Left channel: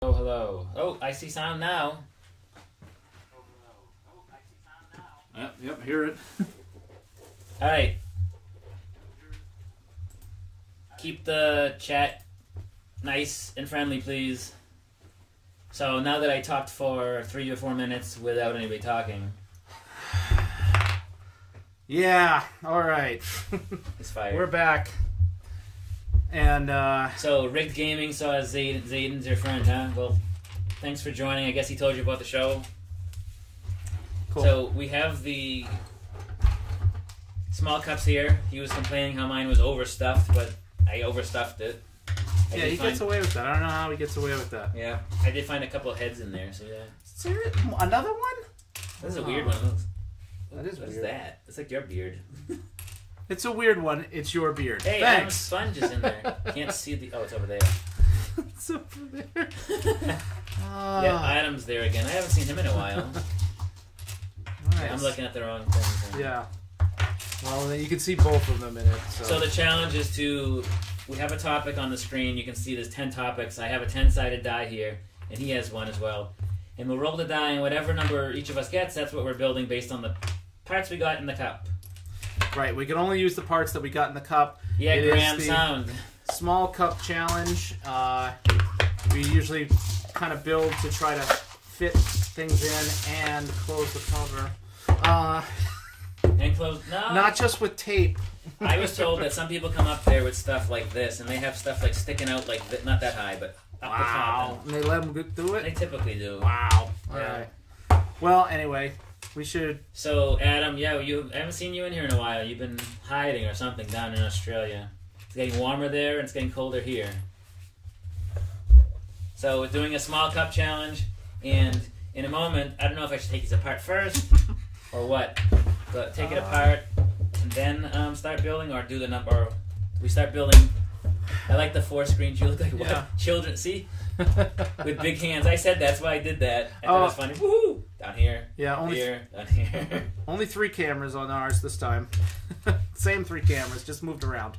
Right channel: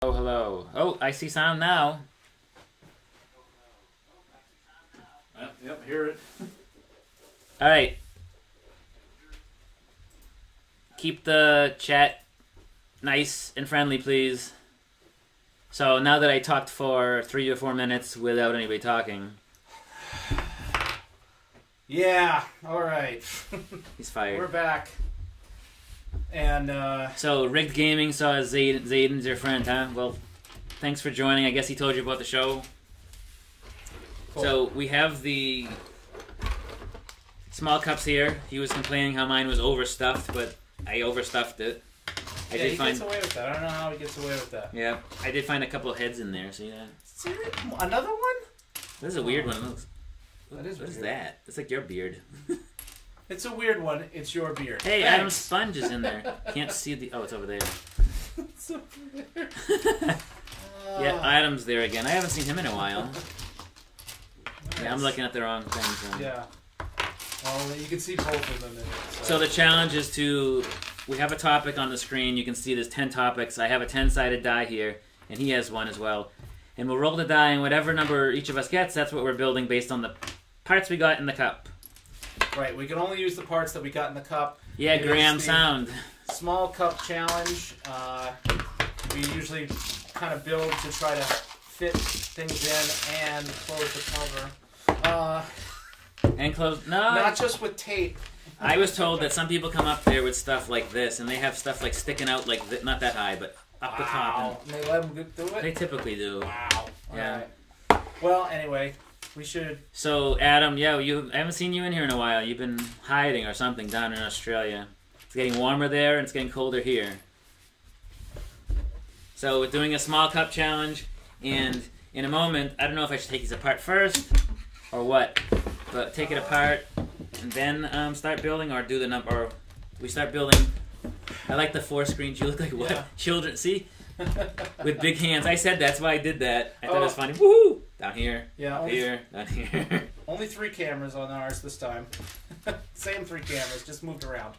Oh, hello. Oh, I see sound now. Yep, hear it. All right. Keep the chat nice and friendly, please. So now that I talked for 3 or 4 minutes without anybody talking. Yeah, all right. He's fired. We're back. And, So, Rigged Gaming saw Zayden's your friend, huh? Well, thanks for joining. I guess he told you about the show. cool. So, we have the small cups here. He was complaining how mine was overstuffed, but I overstuffed it. Yeah, he gets away with that. I don't know how he gets away with that. Yeah, I did find a couple of heads in there, see that? Serious? Another one? This is a weird one of those. That is What is weird. that? It's like your beard. It's a weird one. It's your beard. Hey, Thanks. Adam's sponge is in there. Can't see the... Oh, it's over there. It's over there. Yeah, Adam's there again. I haven't seen him in a while. Nice. Yeah, I'm looking at the wrong thing. So. Yeah. Well, you can see both of them in it. So the challenge is to... We have a topic on the screen. You can see there's 10 topics. I have a 10-sided die here, and he has one as well. And we'll roll the die, and whatever number each of us gets, that's what we're building based on the parts we got in the cup. Right, we can only use the parts that we got in the cup. Yeah, It Graham is the sound. Small cup challenge. We usually kind of build to try to fit things in and close the cover. And close... No! Not just with tape. I was told that some people come up there with stuff like this, and they have stuff like sticking out like... Not that high, but up the top. Wow. And they let them do They it? typically do. Wow. Yeah. Alright. Well, anyway, we should... So, Adam, yeah, I haven't seen you in here in a while. You've been hiding or something down in Australia. It's getting warmer there, and it's getting colder here. So, we're doing a small cup challenge, and in a moment, I don't know if I should take these apart first, or what, but take it apart, and then start building, or do the number, or we start building. I like the 4 screens. You look like what? Yeah. Children, see? With big hands. I said that's why I did that. I thought it was funny. Woohoo! Down here. Yeah, only here. Down here. only 3 cameras on ours this time. Same 3 cameras, just moved around.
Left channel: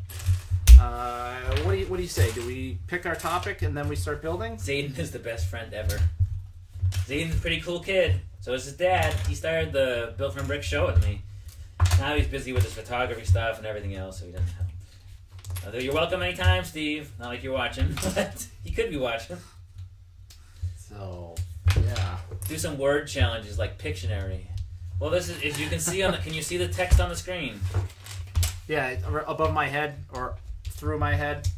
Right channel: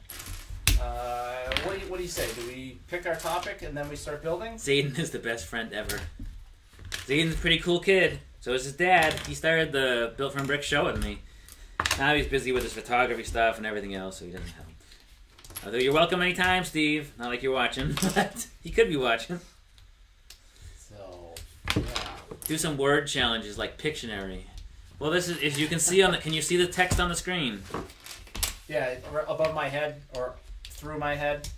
What do you say? Do we pick our topic and then we start building? Zayden is the best friend ever. Zayden's a pretty cool kid. So is his dad. He started the Built From Bricks show with me. Now he's busy with his photography stuff and everything else, so he doesn't help. Although you're welcome anytime, Steve. Not like you're watching, but he could be watching. So, yeah. Do some word challenges like Pictionary. Well, this is, as you can see on the, can you see the text on the screen? Yeah, above my head or through my head.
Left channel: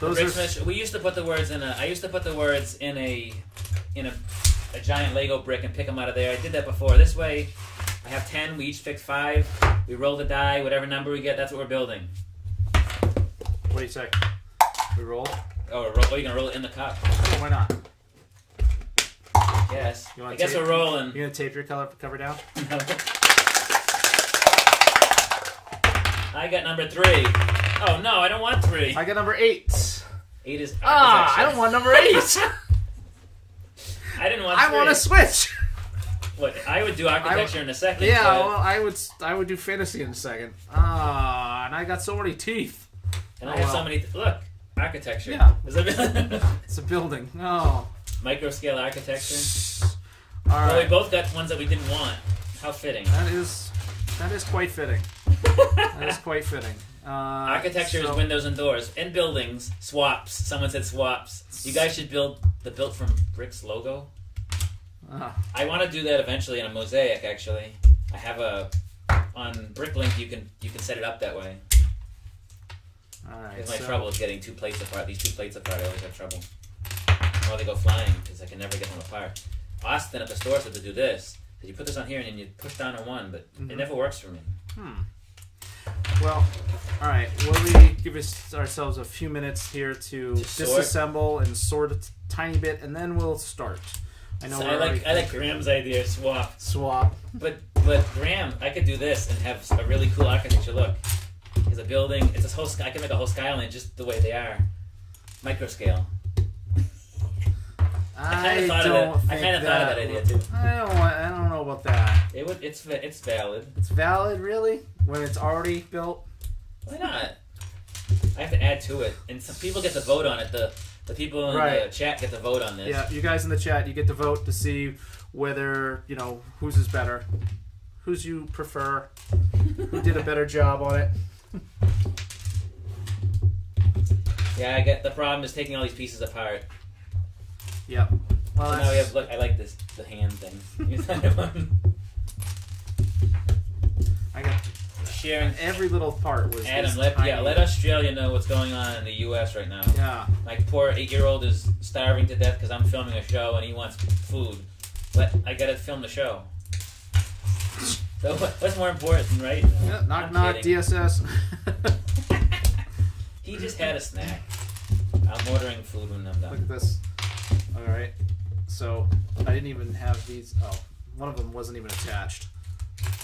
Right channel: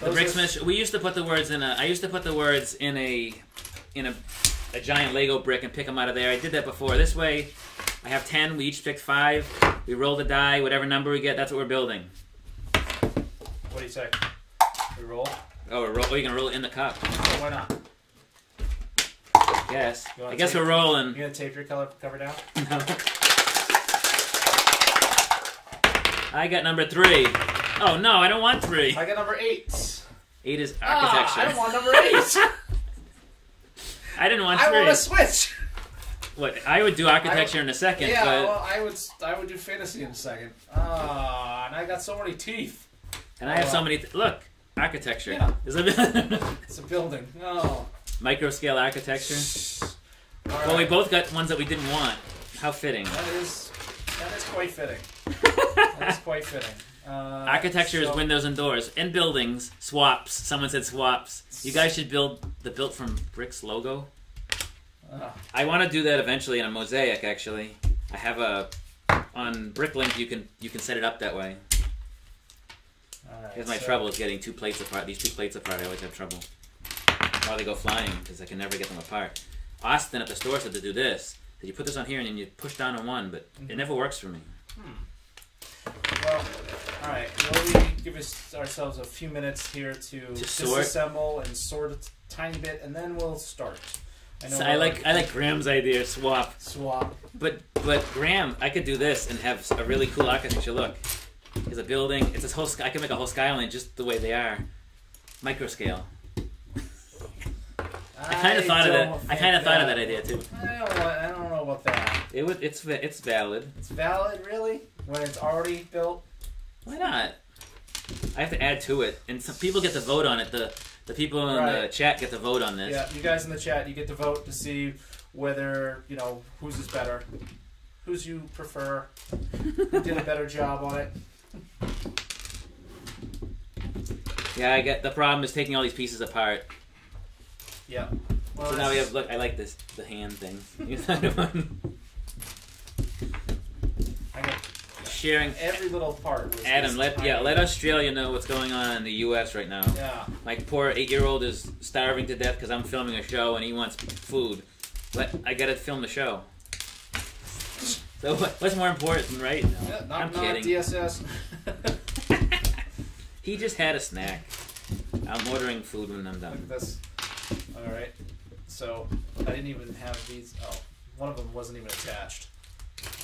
We used to put the words in a. I used to put the words in a giant Lego brick and pick them out of there. I did that before. This way, I have 10. We each pick 5. We roll the die. Whatever number we get, that's what we're building. What do you say? We roll? Oh, we're gonna roll it in the cup. Oh, why not? Yes. You wanna I guess tape? we're rolling. You gonna tape your cover down? I got number 3. Oh no, I don't want 3. I got number 8. 8 is architecture. I don't want number 8. I didn't want 3. I want to switch. What? I would do architecture in a second. Yeah, but, well, I would do fantasy in a second. And I got so many teeth. and I have so many. Look, architecture. Yeah. Is it It's a building. Oh. micro scale architecture? All right. Oh, we both got ones that we didn't want. How fitting. That is quite fitting. That is quite fitting. Architecture is windows and doors. And buildings. Swaps. Someone said swaps. You guys should build the Built From Bricks logo. I want to do that eventually in a mosaic, actually. I have on Bricklink, you can set it up that way. Alright. Because my trouble is getting 2 plates apart. These 2 plates apart, I always have trouble. Or they go flying, because I can never get them apart. Austin at the store said to do this. That you put this on here and then you push down on one, but it never works for me. Well, alright. Will we give ourselves a few minutes here to sort? disassemble and sort a tiny bit, and then we'll start. I like Graham's idea, swap. But Graham, I could do this and have a really cool architecture look. It's a building. It's this whole. I can make a whole skyline just the way they are, micro scale. I kind of thought of that idea too. I don't know about that. It's valid. It's valid, really? When it's already built? Why not? I have to add to it, and some people get to vote on it. The people in the chat get to vote on this. Yeah, you guys in the chat, you get to vote to see whether whose is better, whose you prefer, who did a better job on it. Yeah, I get the problem is taking all these pieces apart. Yeah. Well, so now we have look. I like this the hand thing. I got sharing every little part was Adam. Let Australia know what's going on in the U.S. right now. Yeah. My poor 8-year-old is starving to death because I'm filming a show and he wants food. But I gotta film the show. So what's more important, right? No, yeah, knock knock DSS. He just had a snack. I'm ordering food when I'm done. Look at this. All right. So I didn't even have these. Oh, one of them wasn't even attached.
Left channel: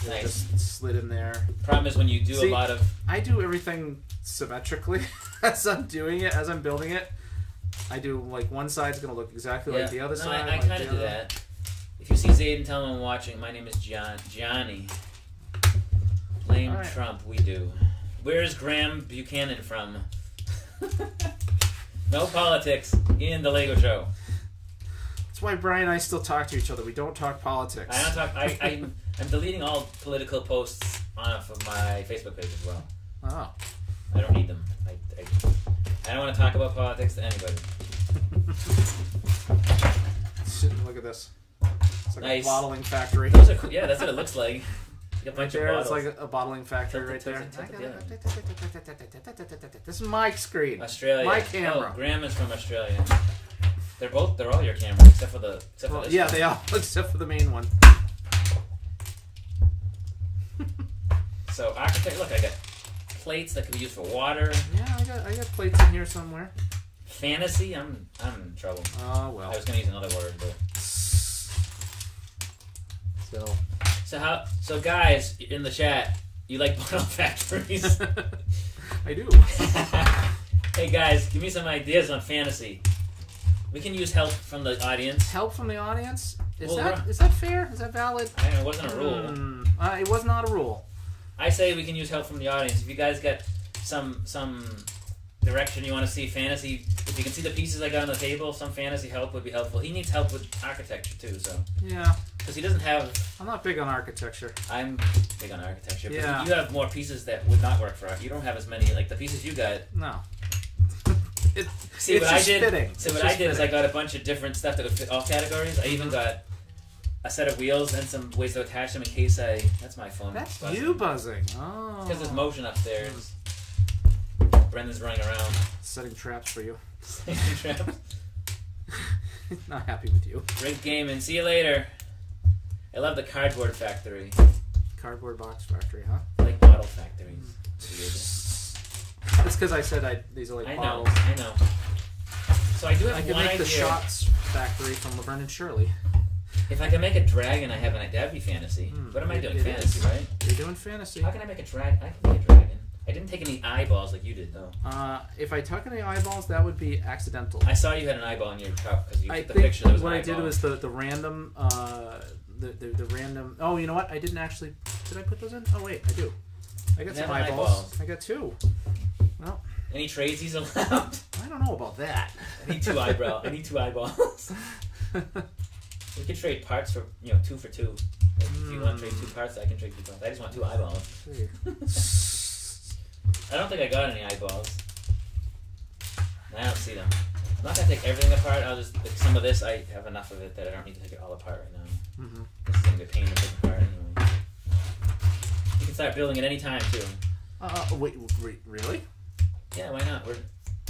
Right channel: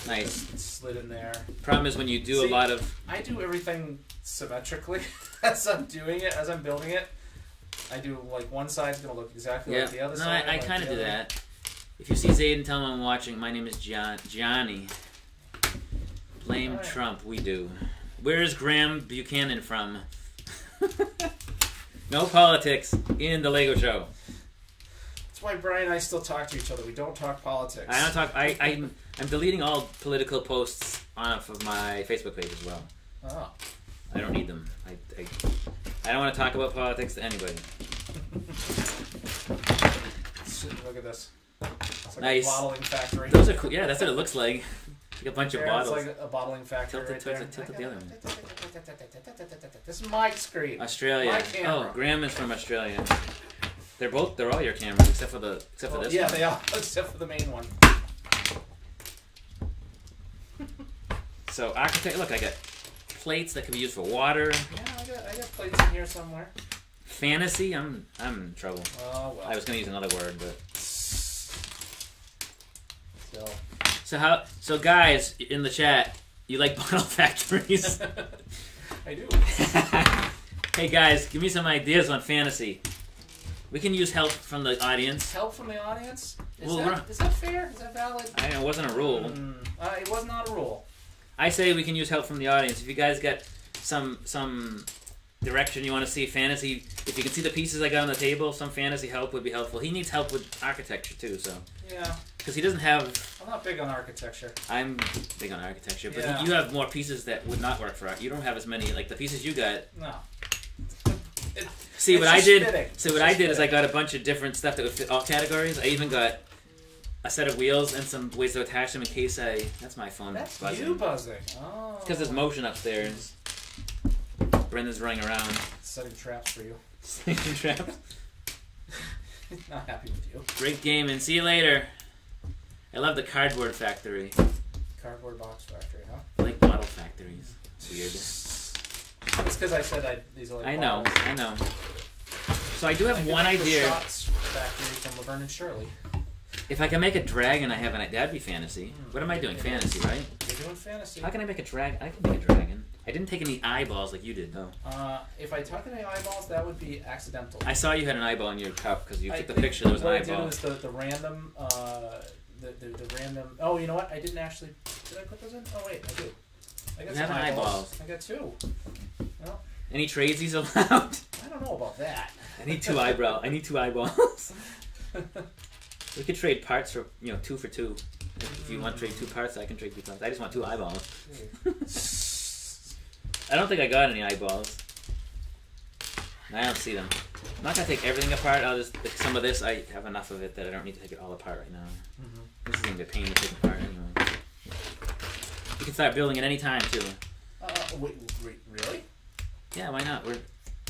Nice. Just slid in there. Problem is when you do a lot of. I do everything symmetrically as I'm doing it, as I'm building it. I do like one side's gonna look exactly like the other side. I kind of do that. If you see Zayden, tell him I'm watching. My name is Johnny. Blame Trump. We do. Where's Graham Buchanan from? No politics in the Lego show. That's why Brian and I still talk to each other. We don't talk politics. I don't talk. I'm deleting all political posts off of my Facebook page as well. Oh. I don't need them. I don't want to talk about politics to anybody. Look at this. It's like nice. A bottling factory. Those are cool. Yeah, that's what it looks like. Like a bunch of bottles. It's like a bottling factory right there. This is my screen. Australia. My camera. Oh, Graham is from Australia. They're all your cameras except for this. Yeah, one. they all except for the main one. So architect, look, I got plates that could be used for water. Yeah, I got plates in here somewhere. Fantasy, I'm in trouble. Oh well. I was gonna use another word, but So guys in the chat, you like bottle factories? I do. Hey guys, give me some ideas on fantasy. We can use help from the audience. Help from the audience? Is that fair? Is that valid? I know, it wasn't a rule. It was not a rule. I say we can use help from the audience. If you guys got some direction you want to see fantasy, if you can see the pieces I got on the table, some fantasy help would be helpful. He needs help with architecture too, so. Yeah. Because he doesn't have. I'm not big on architecture. I'm big on architecture, but yeah. You have more pieces that would not work for art. You don't have as many, like the pieces you got. No. What I did is I got a bunch of different stuff that would fit all categories. I even got a set of wheels and some ways to attach them in case that's my phone. That's buzzing. you buzzing. Oh. Because there's motion upstairs. Brenda's running around. Setting traps for you. Setting traps. Not happy with you. Great game and see you later. I love the cardboard factory. Cardboard box factory, huh? I like bottle factories. It's weird. It's because I said these are like bottles. I know. So I do have one idea. The Shots factory from Laverne and Shirley. If I can make a dragon, that'd be fantasy. What am I doing? Fantasy, right? You're doing fantasy. How can I make a dragon? I can make a dragon. I didn't take any eyeballs like you did, though. If I took any eyeballs, that would be accidental. I saw you had an eyeball in your cup because you took the picture. There was an eyeball. What I did was the random, the random. Oh, you know what? I didn't actually. Did I put those in? Oh wait, I do. I got some eyeballs. I got 2. Well. Any tradesies allowed? I don't know about that. I need 2 eyeballs. We could trade parts for 2 for 2. If you want to trade 2 parts, I can trade 2 parts. I just want 2 eyeballs. I don't think I got any eyeballs. I don't see them. I'm not gonna take everything apart. I'll just some of this. I have enough of it that I don't need to take it all apart right now. This is gonna be a pain to take apart anyway. You can start building at any time too. Wait, really? Yeah, why not?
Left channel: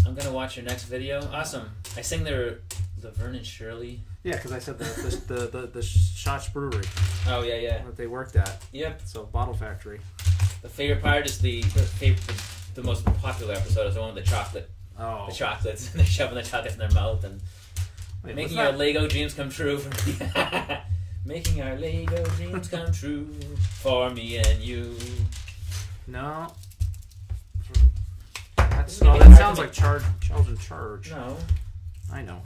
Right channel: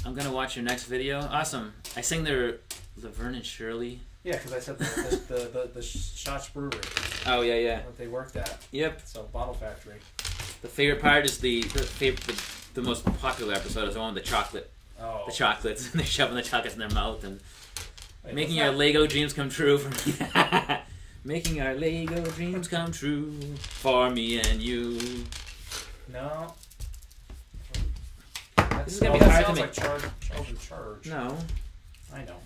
I'm gonna watch your next video. Awesome. I sing their Laverne and Shirley. Yeah, because I said the Shots Brewery. Oh yeah. That they worked at. Yep. So bottle factory. The favorite part is the most popular episode is the one with the chocolate. Oh. The chocolates, and they're shoving the chocolates in their mouth and making our Lego dreams come true for me. Making our Lego dreams come true for me and you. No. This is gonna be hard sounds to like Charles in Charge. No. I know.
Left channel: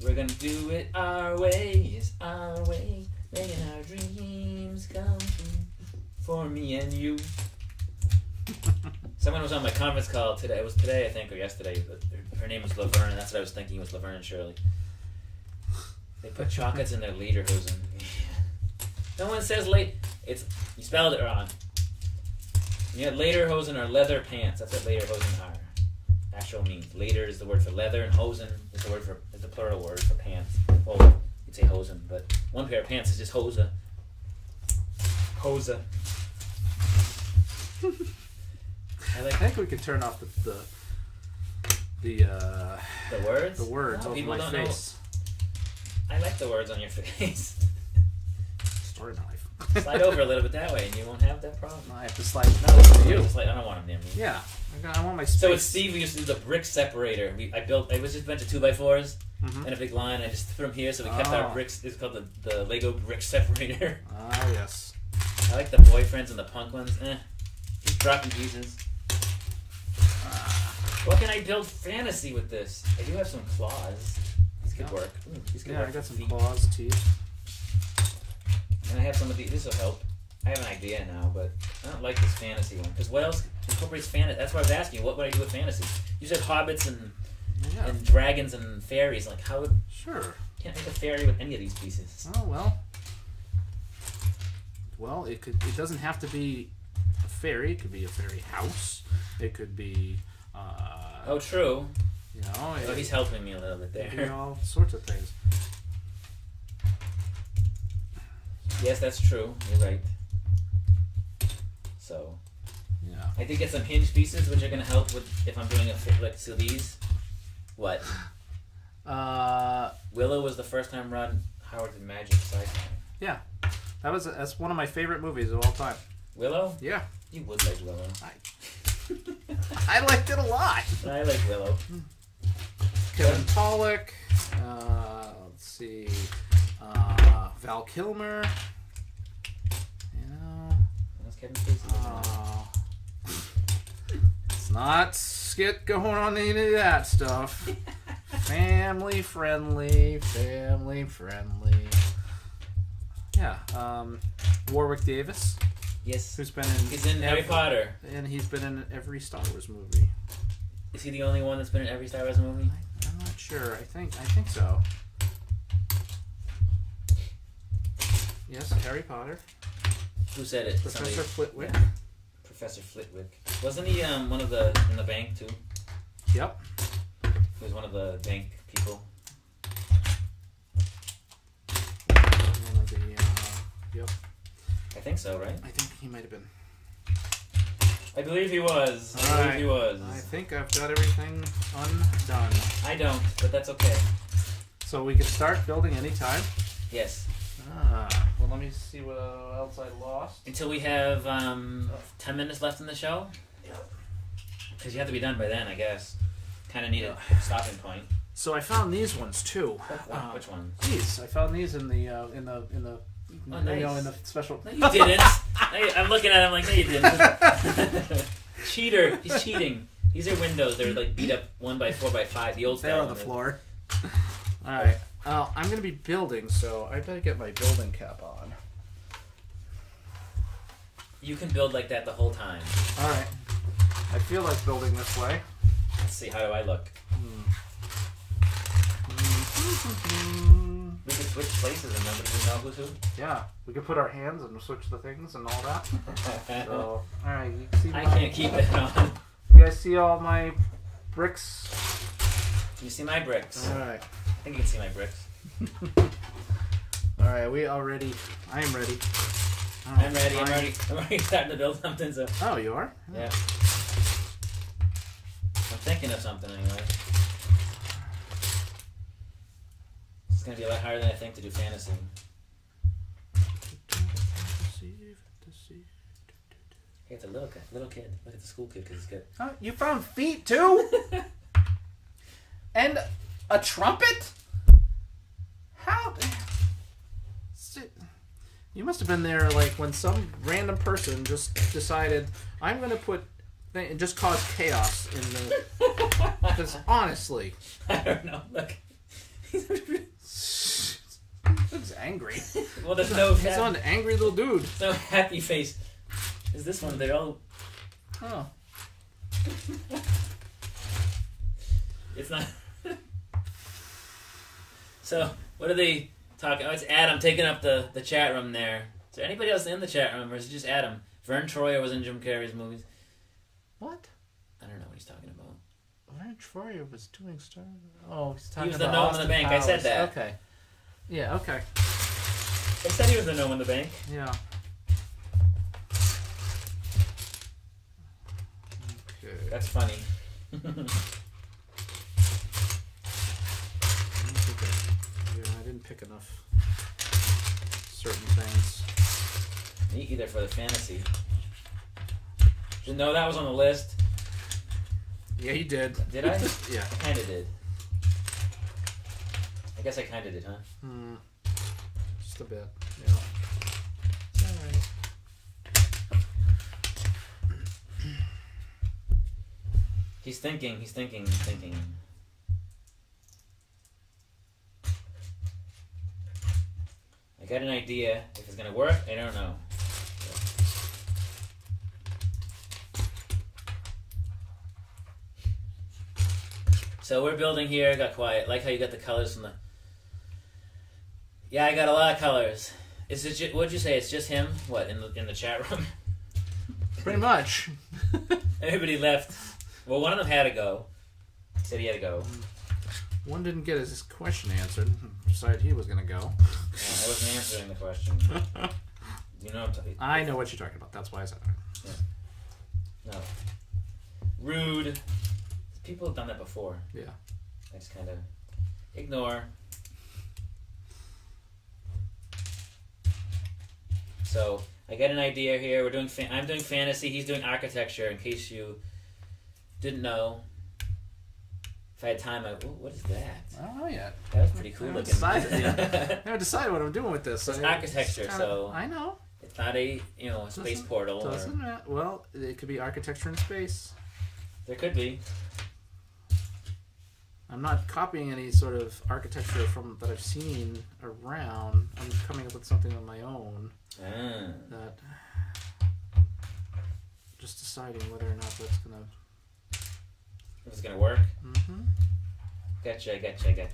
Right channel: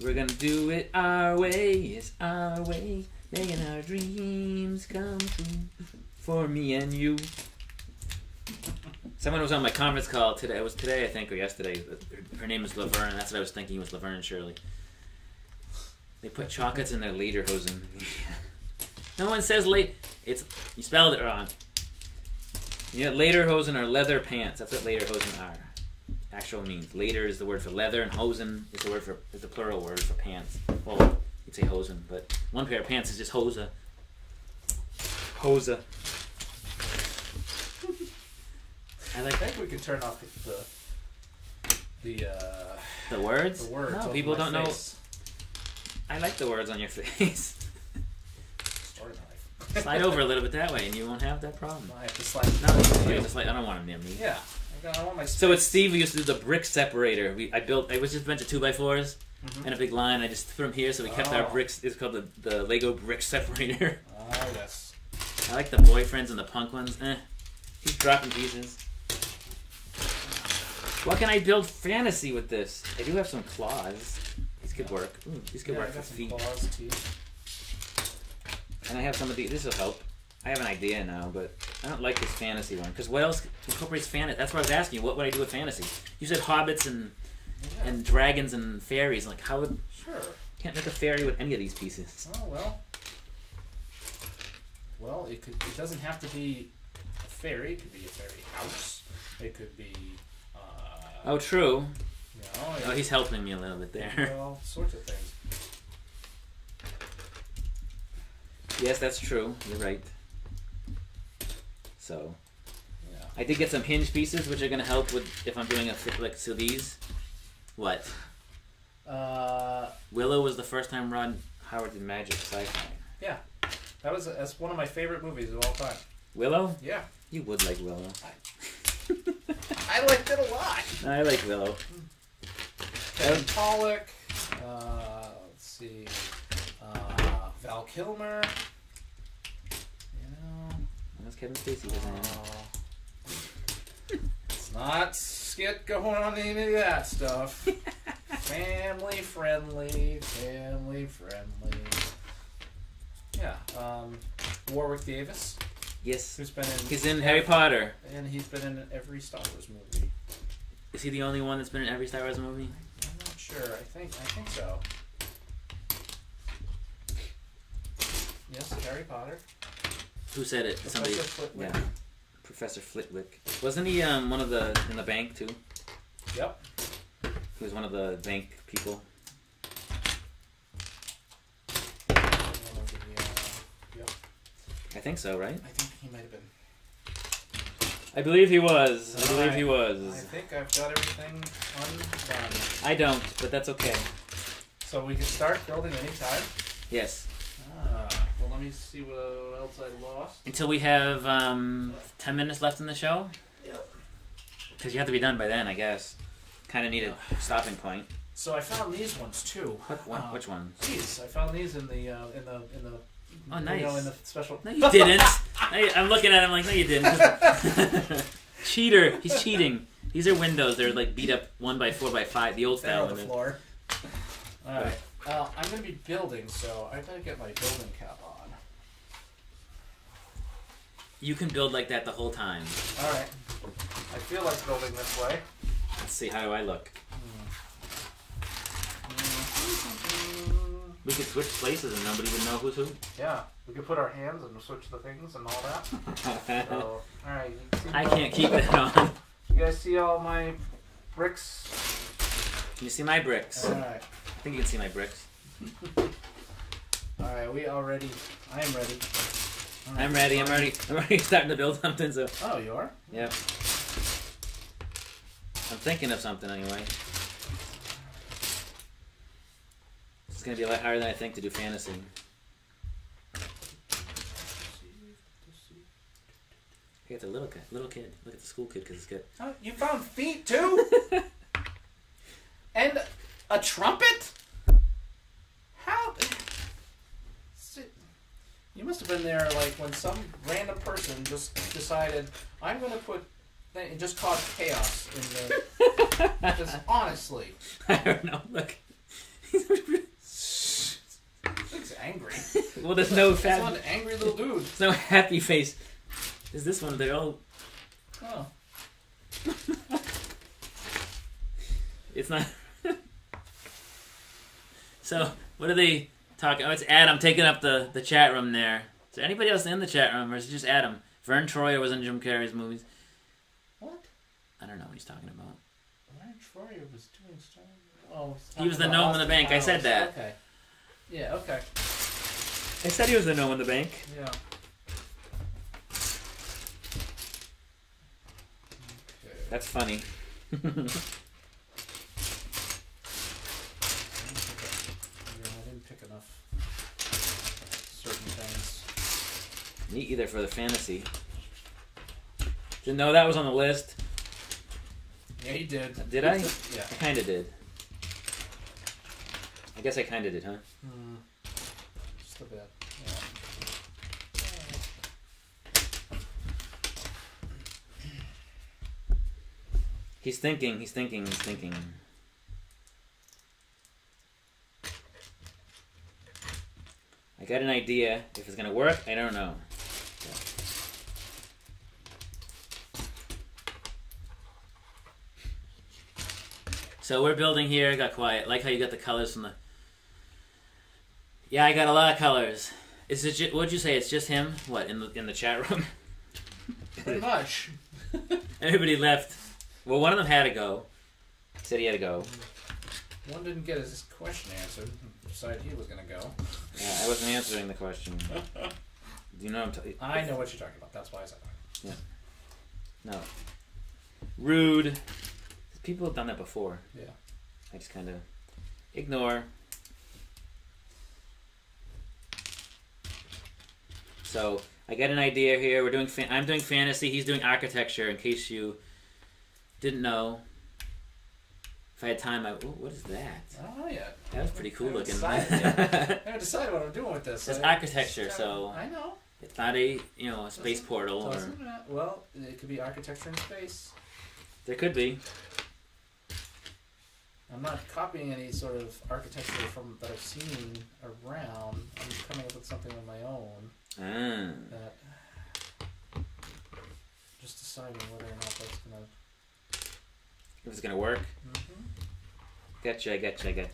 We're gonna do it our way, it's our way, making our dreams come true for me and you. Someone was on my conference call today. It was today, I think, or yesterday. Her name is Laverne. That's what I was thinking was Laverne and Shirley. They put chocolates in their lederhosen. No one says you spelled it wrong. You got lederhosen are leather pants. That's what lederhosen are. Actual means. Leder is the word for leather, and hosen is the plural word for pants. Well, you'd say hosen, but one pair of pants is just hosa. Hosa. I think we can turn off the words. The words. No, people don't face. Know. I like the words on your face. Story knife. Slide over a little bit that way, and you won't have that problem. I have to slide. No, it's you. I don't want him near me. Yeah, I want my space. So with Steve, we used to do the brick separator. It was just a bunch of 2x4s and a big line. I just threw them here, so we kept our bricks. It's called the Lego brick separator. Ah, yes. I like the boyfriends and the punk ones. He's dropping pieces. What can I build fantasy with this? I do have some claws. These could work. These could work. I got some claws, teeth. And I have some of these. This will help. I have an idea now, but I don't like this fantasy one. Because what else incorporates fantasy? That's what I was asking you. What would I do with fantasy? You said hobbits and dragons and fairies. Like, how would... Sure. Can't make a fairy with any of these pieces. Oh, well. Well, it doesn't have to be a fairy. It could be a fairy house. It could be... oh, true. You know, he's helping me a little bit there. You know, all sorts of things. Yes, that's true. You're right. So, yeah, I did get some hinge pieces, which are going to help with if I'm doing so these. What? Willow was the first time Ron Howard did magic sci-fi. Yeah, that's one of my favorite movies of all time. Willow? Yeah, you would like Willow. I liked it a lot. I like Willow. Kevin Pollak. Let's see. Val Kilmer. You know. That's Kevin Spacey. Let's not get going on any of that stuff. Family friendly. Yeah. Warwick Davis. Yes. Who's been He's in Harry Potter. And he's been in every Star Wars movie. Is he the only one that's been in every Star Wars movie? I'm not sure. I think so. Yes, Harry Potter. Who said it? Professor Flitwick. Yeah. Professor Flitwick. Wasn't he one of the in the bank too? Yep. He was one of the bank people. Yep. I think so, right? I think he might have been. I believe he was. I think I've got everything undone. I don't, but that's okay. So we can start building anytime? Yes. Well, let me see what else I lost. Until we have 10 minutes left in the show? Yep. Because you have to be done by then, I guess. Kind of need a stopping point. So I found these ones too. Which ones? These. I found these in the Oh, nice. You know, in the special. No, you didn't. I'm looking at him like, no, you didn't. Cheater. He's cheating. These are windows. They're like beat up 1x4x5. The old style. They're on the floor. All right. I'm going to be building, so I better get my building cap on. You can build like that the whole time. All right. I feel like building this way. Let's see. How do I look? We could switch places and nobody would know who's who. Yeah, we could put our hands and switch the things and all that. So, all right. You see I can't keep it on. You guys see all my bricks? Can you see my bricks? All right. I think you can see my bricks. All right, I am ready. Right, I'm ready. I'm ready starting to build something. So. Oh, you are? Yeah. I'm thinking of something anyway. It's going to be a lot harder than I think to do fantasy. Hey, it's a little kid. Look at the school kid because it's good. Oh, you found feet too? And a trumpet? How? You must have been there like when some random person just decided, I'm going to put, and just cause chaos in the. Because honestly. I don't know. Look. He's angry. Well, there's no. He's an angry little dude. There's no happy face. Is this one? They all. Oh. It's not. So, what are they talking? Oh, it's Adam taking up the chat room there. Is there anybody else in the chat room, or is it just Adam? Vern Troyer was in Jim Carrey's movies. What? I don't know what he's talking about. Vern Troyer was doing stuff. Oh, he's talking He was the about gnome in Austin the bank. Powers. I said that. Okay. Yeah. Okay. I said he was the gnome in the bank. Yeah. Okay. That's funny. I didn't pick enough certain things. Me either for the fantasy. Didn't know that was on the list. Yeah, you did. Did I? Yeah. I kind of did. I guess I kind of did, huh? Hmm. Just a bit. Yeah. He's thinking. He's thinking. I got an idea. If it's gonna work, I don't know. So we're building here. Got quiet. Like how you got the colors from the. Yeah, I got a lot of colors. Is it? What'd you say? It's just him? What in the chat room? Pretty much. Everybody left. Well, one of them had to go. He said he had to go. One didn't get his question answered. Decided he was going to go. Yeah, I wasn't answering the question. Do you know what I'm talking about? I know what you're talking about. That's why I said that. Yeah. No. Rude. People have done that before. Yeah. I just kind of ignore. So I got an idea here. We're doing. I'm doing fantasy. He's doing architecture. In case you didn't know. If I had time, what is that? I don't know yet. That was pretty cool looking. I haven't decided what I'm doing with this. It's architecture, kinda, so I know. It's not a a space portal. Doesn't matter. Well, it could be architecture in space. There could be. I'm not copying any sort of architecture that I've seen around. I'm coming up with something of my own. That just deciding whether or not that's gonna. If it's gonna work. Mm-hmm. Gotcha. It's gonna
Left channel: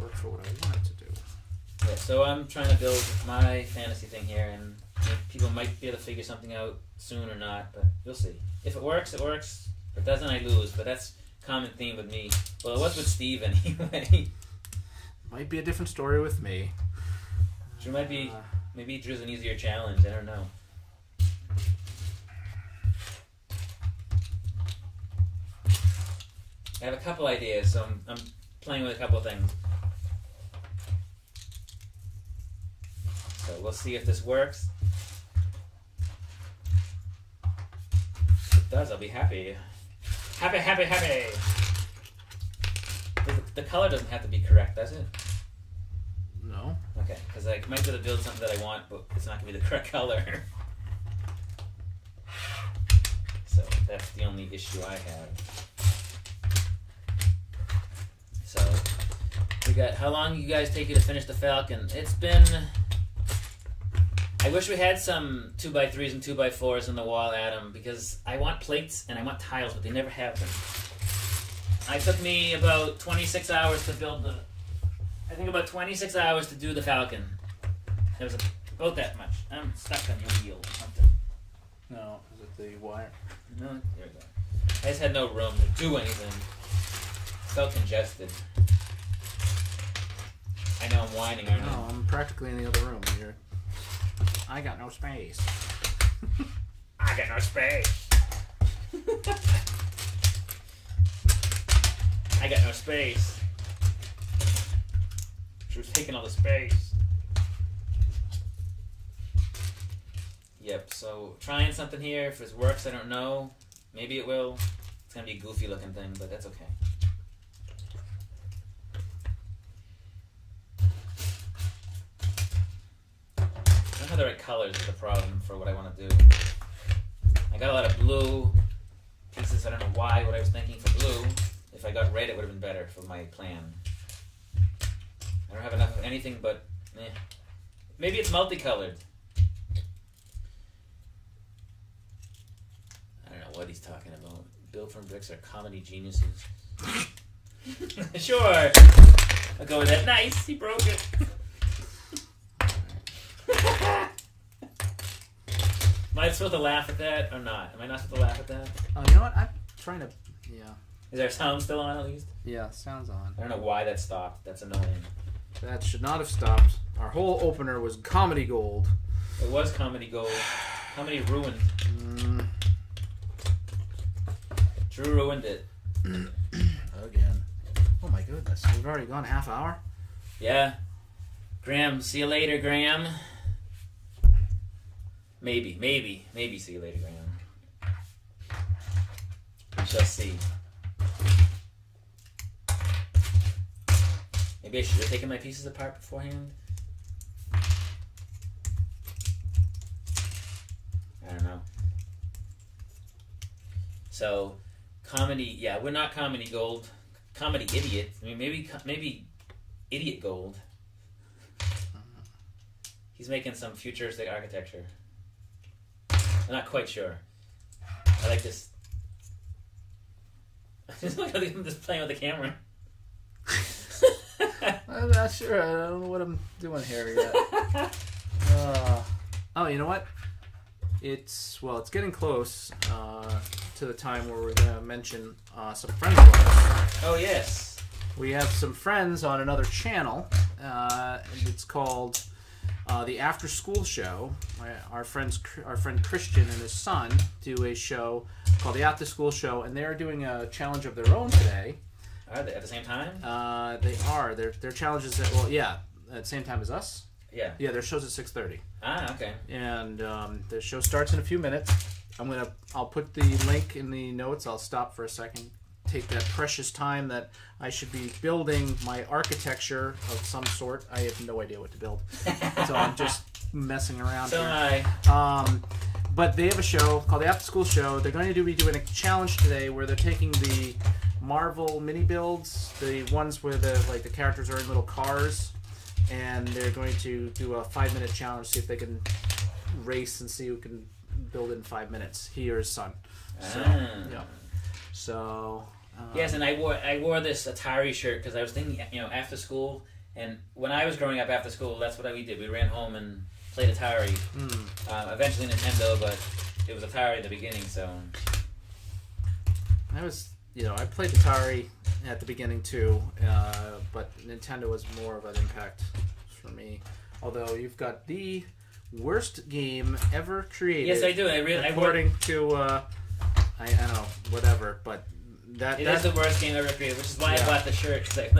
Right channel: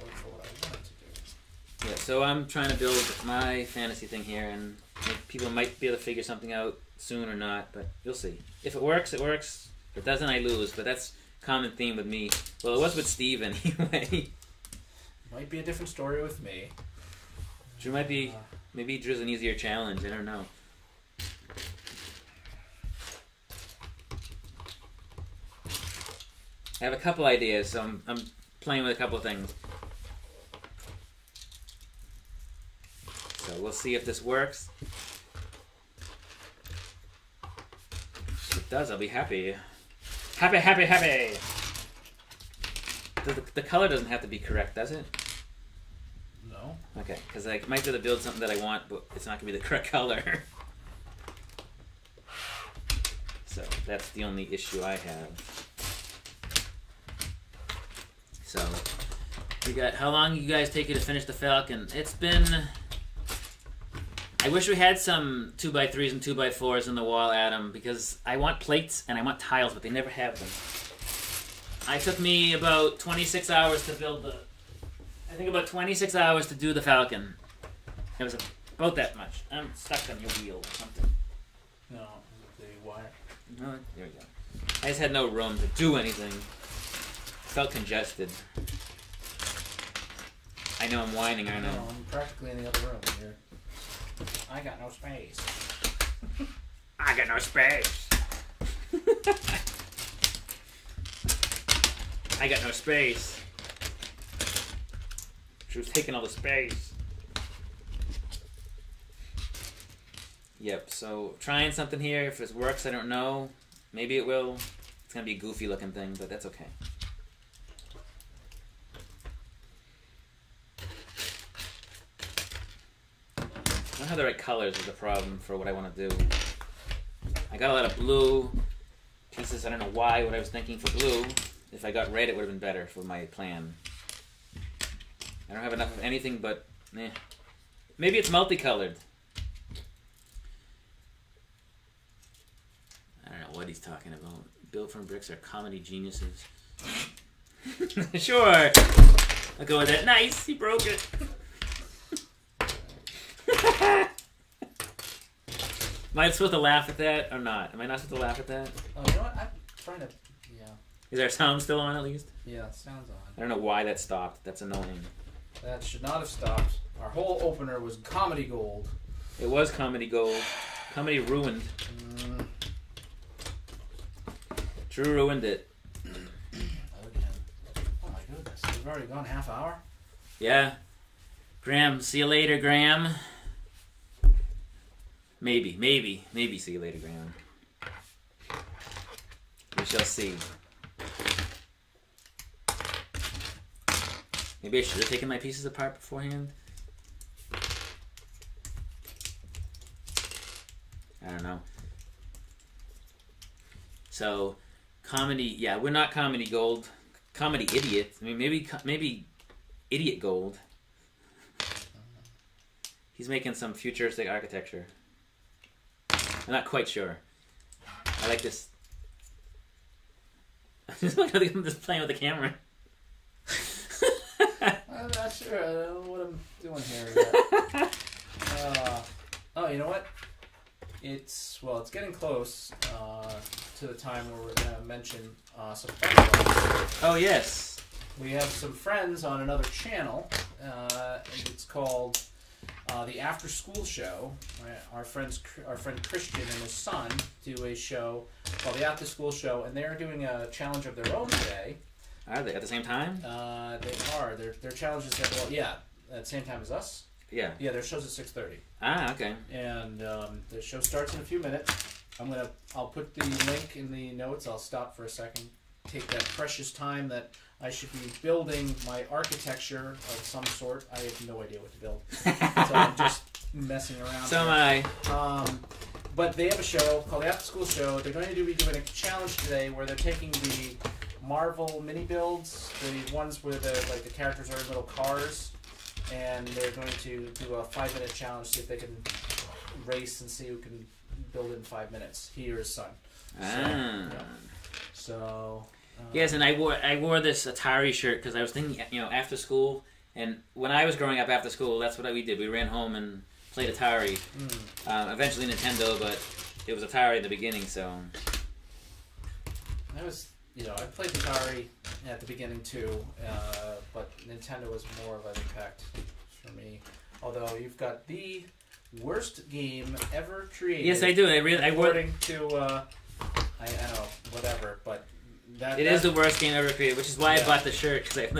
work for what I want it to do. Yeah. So I'm trying to build my fantasy thing here, and people might be able to figure something out soon or not, but you'll see. If it works, it works. If it doesn't, I lose. But that's a common theme with me. Well, it was with Steve anyway. Might be a different story with me. Drew might be. Maybe Drew's an easier challenge. I don't know. I have a couple ideas, so I'm playing with a couple of things. So we'll see if this works. If it does, I'll be happy. Happy! The color doesn't have to be correct, does it? No. Okay, because I might be able to build something that I want, but it's not going to be the correct color. So that's the only issue I have. So we got how long you guys take you to finish the Falcon? It's been. I wish we had some 2x3s and 2x4s in the wall, Adam, because I want plates and I want tiles, but they never have them. It took me about 26 hours to build I think about 26 hours to do the Falcon. It was about that much. I'm stuck on your wheel or something. No, is it the wire? No, there we go. I just had no room to do anything. Felt congested. I know I'm whining, aren't I? No, I'm practically in the other room here. I got no space. I got no space. I got no space. She was taking all the space. Yep, so trying something here. If it works, I don't know. Maybe it will. It's going to be a goofy looking thing, but that's okay. I don't have the right colors is the problem for what I want to do. I got a lot of blue pieces. I don't know why, what I was thinking for blue. If I got red, it would have been better for my plan. I don't have enough of anything but, maybe it's multicolored. I don't know what he's talking about. Built from Bricks are comedy geniuses. Sure. I'll go with that. Nice. He broke it. Am I supposed to laugh at that or not? Am I not supposed to laugh at that? Oh, you know what? I'm trying to... Yeah. Is our sound still on at least? Yeah, sound's on. I don't know why that stopped. That's annoying. That should not have stopped. Our whole opener was comedy gold. It was comedy gold. Comedy ruined. Drew ruined it. Again. Oh my goodness. We've already gone a half hour? Yeah. Graham, see you later, Graham. Maybe see you later, Graham. We shall see. Maybe I should have taken my pieces apart beforehand. I don't know. So, comedy, yeah, we're not comedy gold. Comedy idiot. I mean, maybe idiot gold. He's making some futuristic architecture. I'm not quite sure. I like this. I'm just playing with the camera. I'm not sure. I don't know what I'm doing here yet. Oh, you know what? It's getting close to the time where we're going to mention some friends of ours. Oh, yes. We have some friends on another channel, and it's called the After School Show. Our friend Christian and his son do a show called the After School Show, and they're doing a challenge of their own today. Are they at the same time? They are. Their challenge is at the same time as us. Yeah. Yeah, their show's at 6:30. Ah, okay. And the show starts in a few minutes. I'll put the link in the notes. I'll stop for a second. Take that precious time that I should be building my architecture of some sort. I have no idea what to build, so I'm just messing around. So here. am I. But they have a show called the After School Show. They're going to be doing a challenge today where they're taking the Marvel mini builds, the ones where the characters are in little cars, and they're going to do a 5-minute challenge. See if they can race and see who can build in 5 minutes. He or his son. So. Yes, and I wore this Atari shirt because I was thinking, after school, and when I was growing up after school, that's what we did. We ran home and played Atari. Eventually Nintendo, but it was Atari at the beginning. So I played Atari at the beginning too, but Nintendo was more of an impact for me. Although you've got the worst game ever created. Yes, I do. According to I don't know, whatever, but. It is the worst game ever created, which is why I bought the shirt. It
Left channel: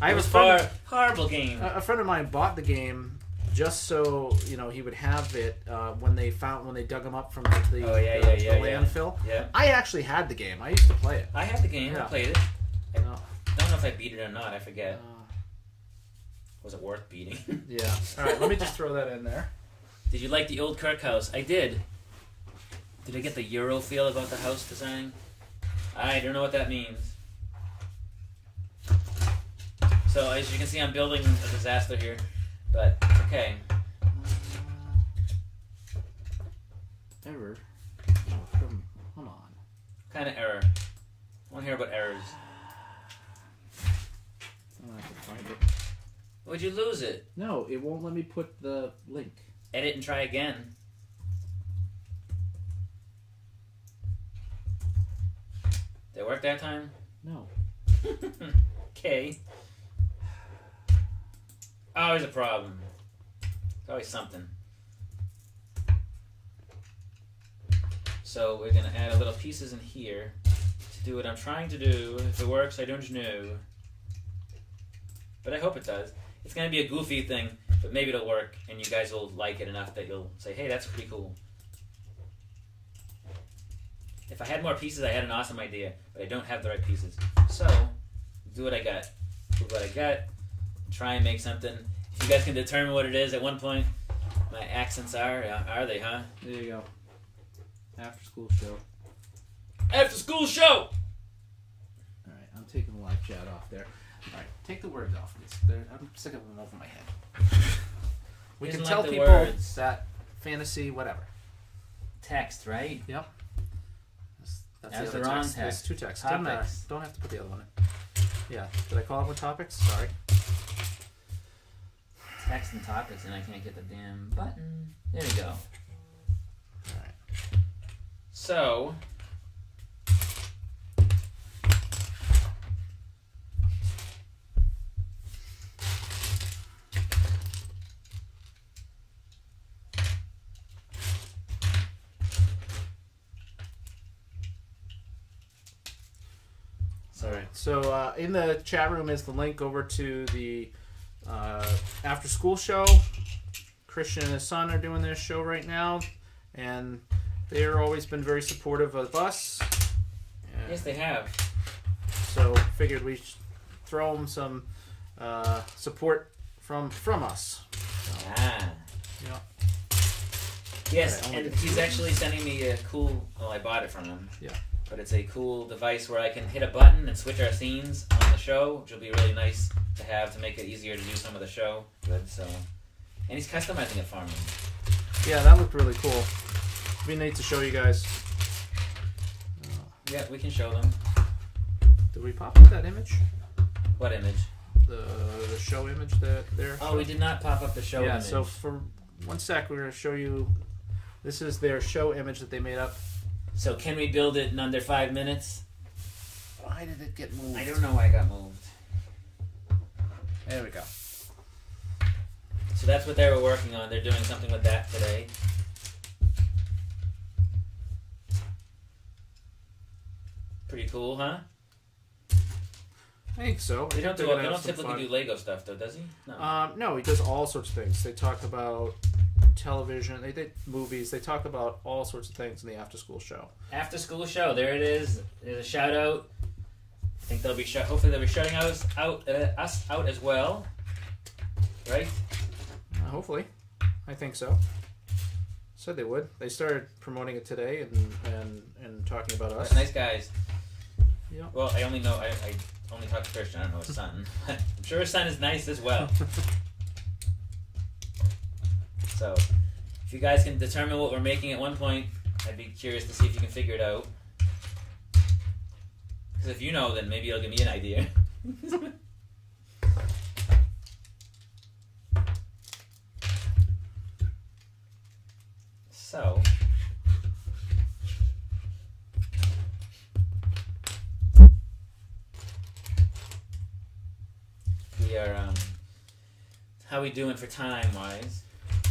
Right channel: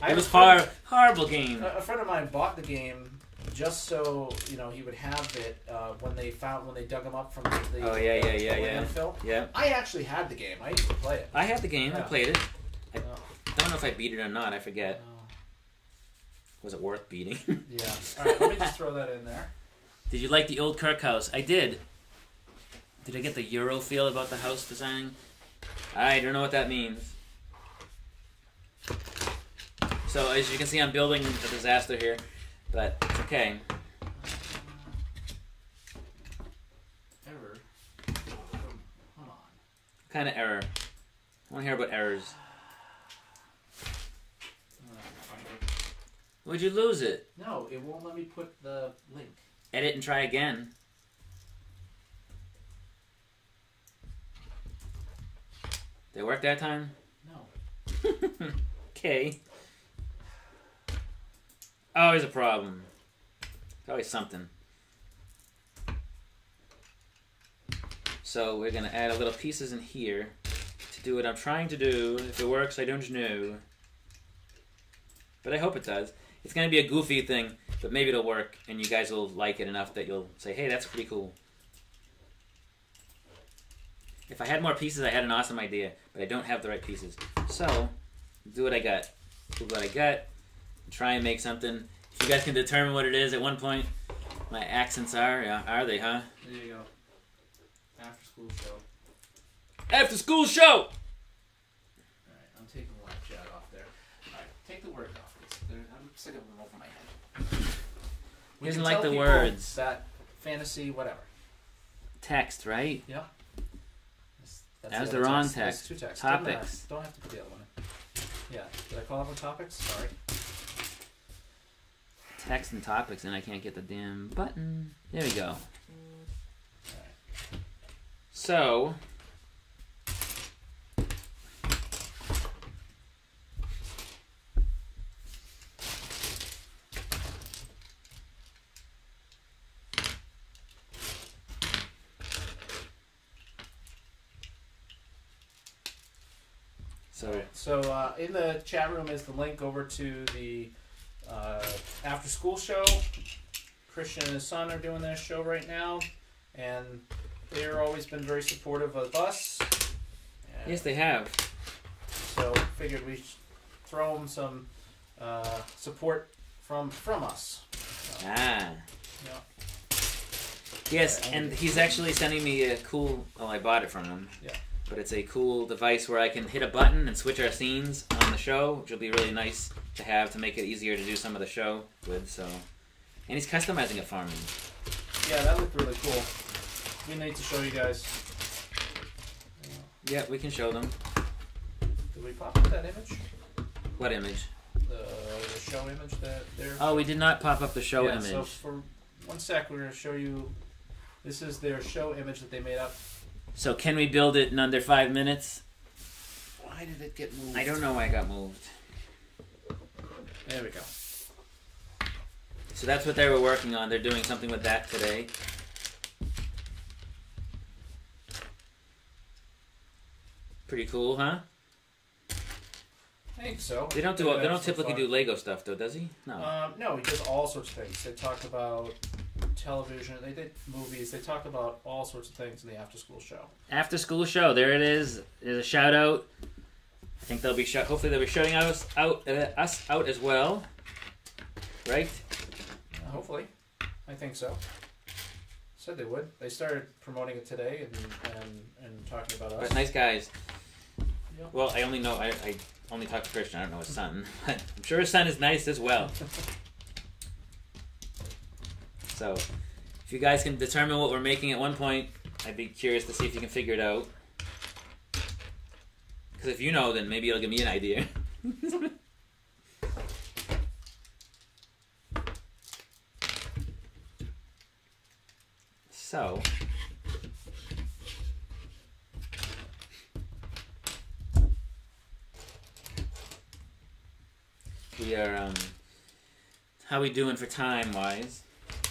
was horrible game. A friend of mine bought the game just so he would have it when they dug him up from the landfill. Yeah. I actually had the game. I used to play it. I had the game. Yeah. I played it. I don't know if I beat it or not. I forget. Was it worth beating? Yeah. All right. Let me just throw that in there. Did you like the old Kirk house? I did. Did I get the Euro feel about the house design? I don't know what that means. So, as you can see, I'm building a disaster here, but it's okay. Error? Come on. What kind of error? I want to hear about errors. Would you lose it? No, it won't let me put the link. Edit and try again. Did it work that time? No. Okay. Always a problem. Always something. So we're going to add a little pieces in here to do what I'm trying to do. If it works, I don't know. But I hope it does. It's going to be a goofy thing, but maybe it'll work, and you guys will like it enough that you'll say, hey, that's pretty cool. If I had more pieces, I had an awesome idea, but I don't have the right pieces. So, do what I got. Do what I got. Try and make something. If you guys can determine what it is at one point, my accents are they, huh? There you go. After school show. After school show! Alright, I'm taking the live chat off there. Alright, take the words off, please. I'm sick of them over my head. We can tell people that fantasy, whatever. Text, right? Yep. That's As the they're other on text. text. There's 2 texts. Doesn't matter. Topics. Don't have to put the other one in. Yeah. Did I call it with topics? Sorry. Text and topics, and I can't get the damn button. There we go. Alright. So, So in the chat room is the link over to the after school show. Christian and his son are doing their show right now, and they've always been very supportive of us. And yes, they have. so figured we should throw them some support from us. So, Ah. yeah. Yes, Right, and he's actually sending me a cool. Well, I bought it from him. Yeah. But it's a cool device where I can hit a button and switch our scenes on the show, which will be really nice to have to make it easier to do some of the show with. So, and he's customizing it for me. Yeah, that looked really cool. It'd be neat to show you guys. Yeah, we can show them. Did we pop up that image? What image? The show image that they're. Oh, we did not pop up the show yeah, image. so for 1 sec, we're going to show you. This is their show image that they made up. So can we build it in under 5 minutes? Why did it get moved? I don't know why it got moved. There we go. So that's what they were working on. They're doing something with that today. Pretty cool, huh? I think so. They don't typically do Lego stuff though, does he? No. No, he does all sorts of things. They talk about television. They did movies. They talk about all sorts of things in the after school show. After school show. There it is. There's a shout out. I think they'll be hopefully they'll be shouting us out as well. Right? Hopefully, I think so. Said they would. They started promoting it today and talking about us. That's nice guys. Yeah. Well, I only only talk to Christian. I don't know his son. I'm sure his son is nice as well. So, if you guys can determine what we're making at one point, I'd be curious to see if you can figure it out. Because if you know, then maybe it'll give me an idea. So, we are, how we doing for time-wise?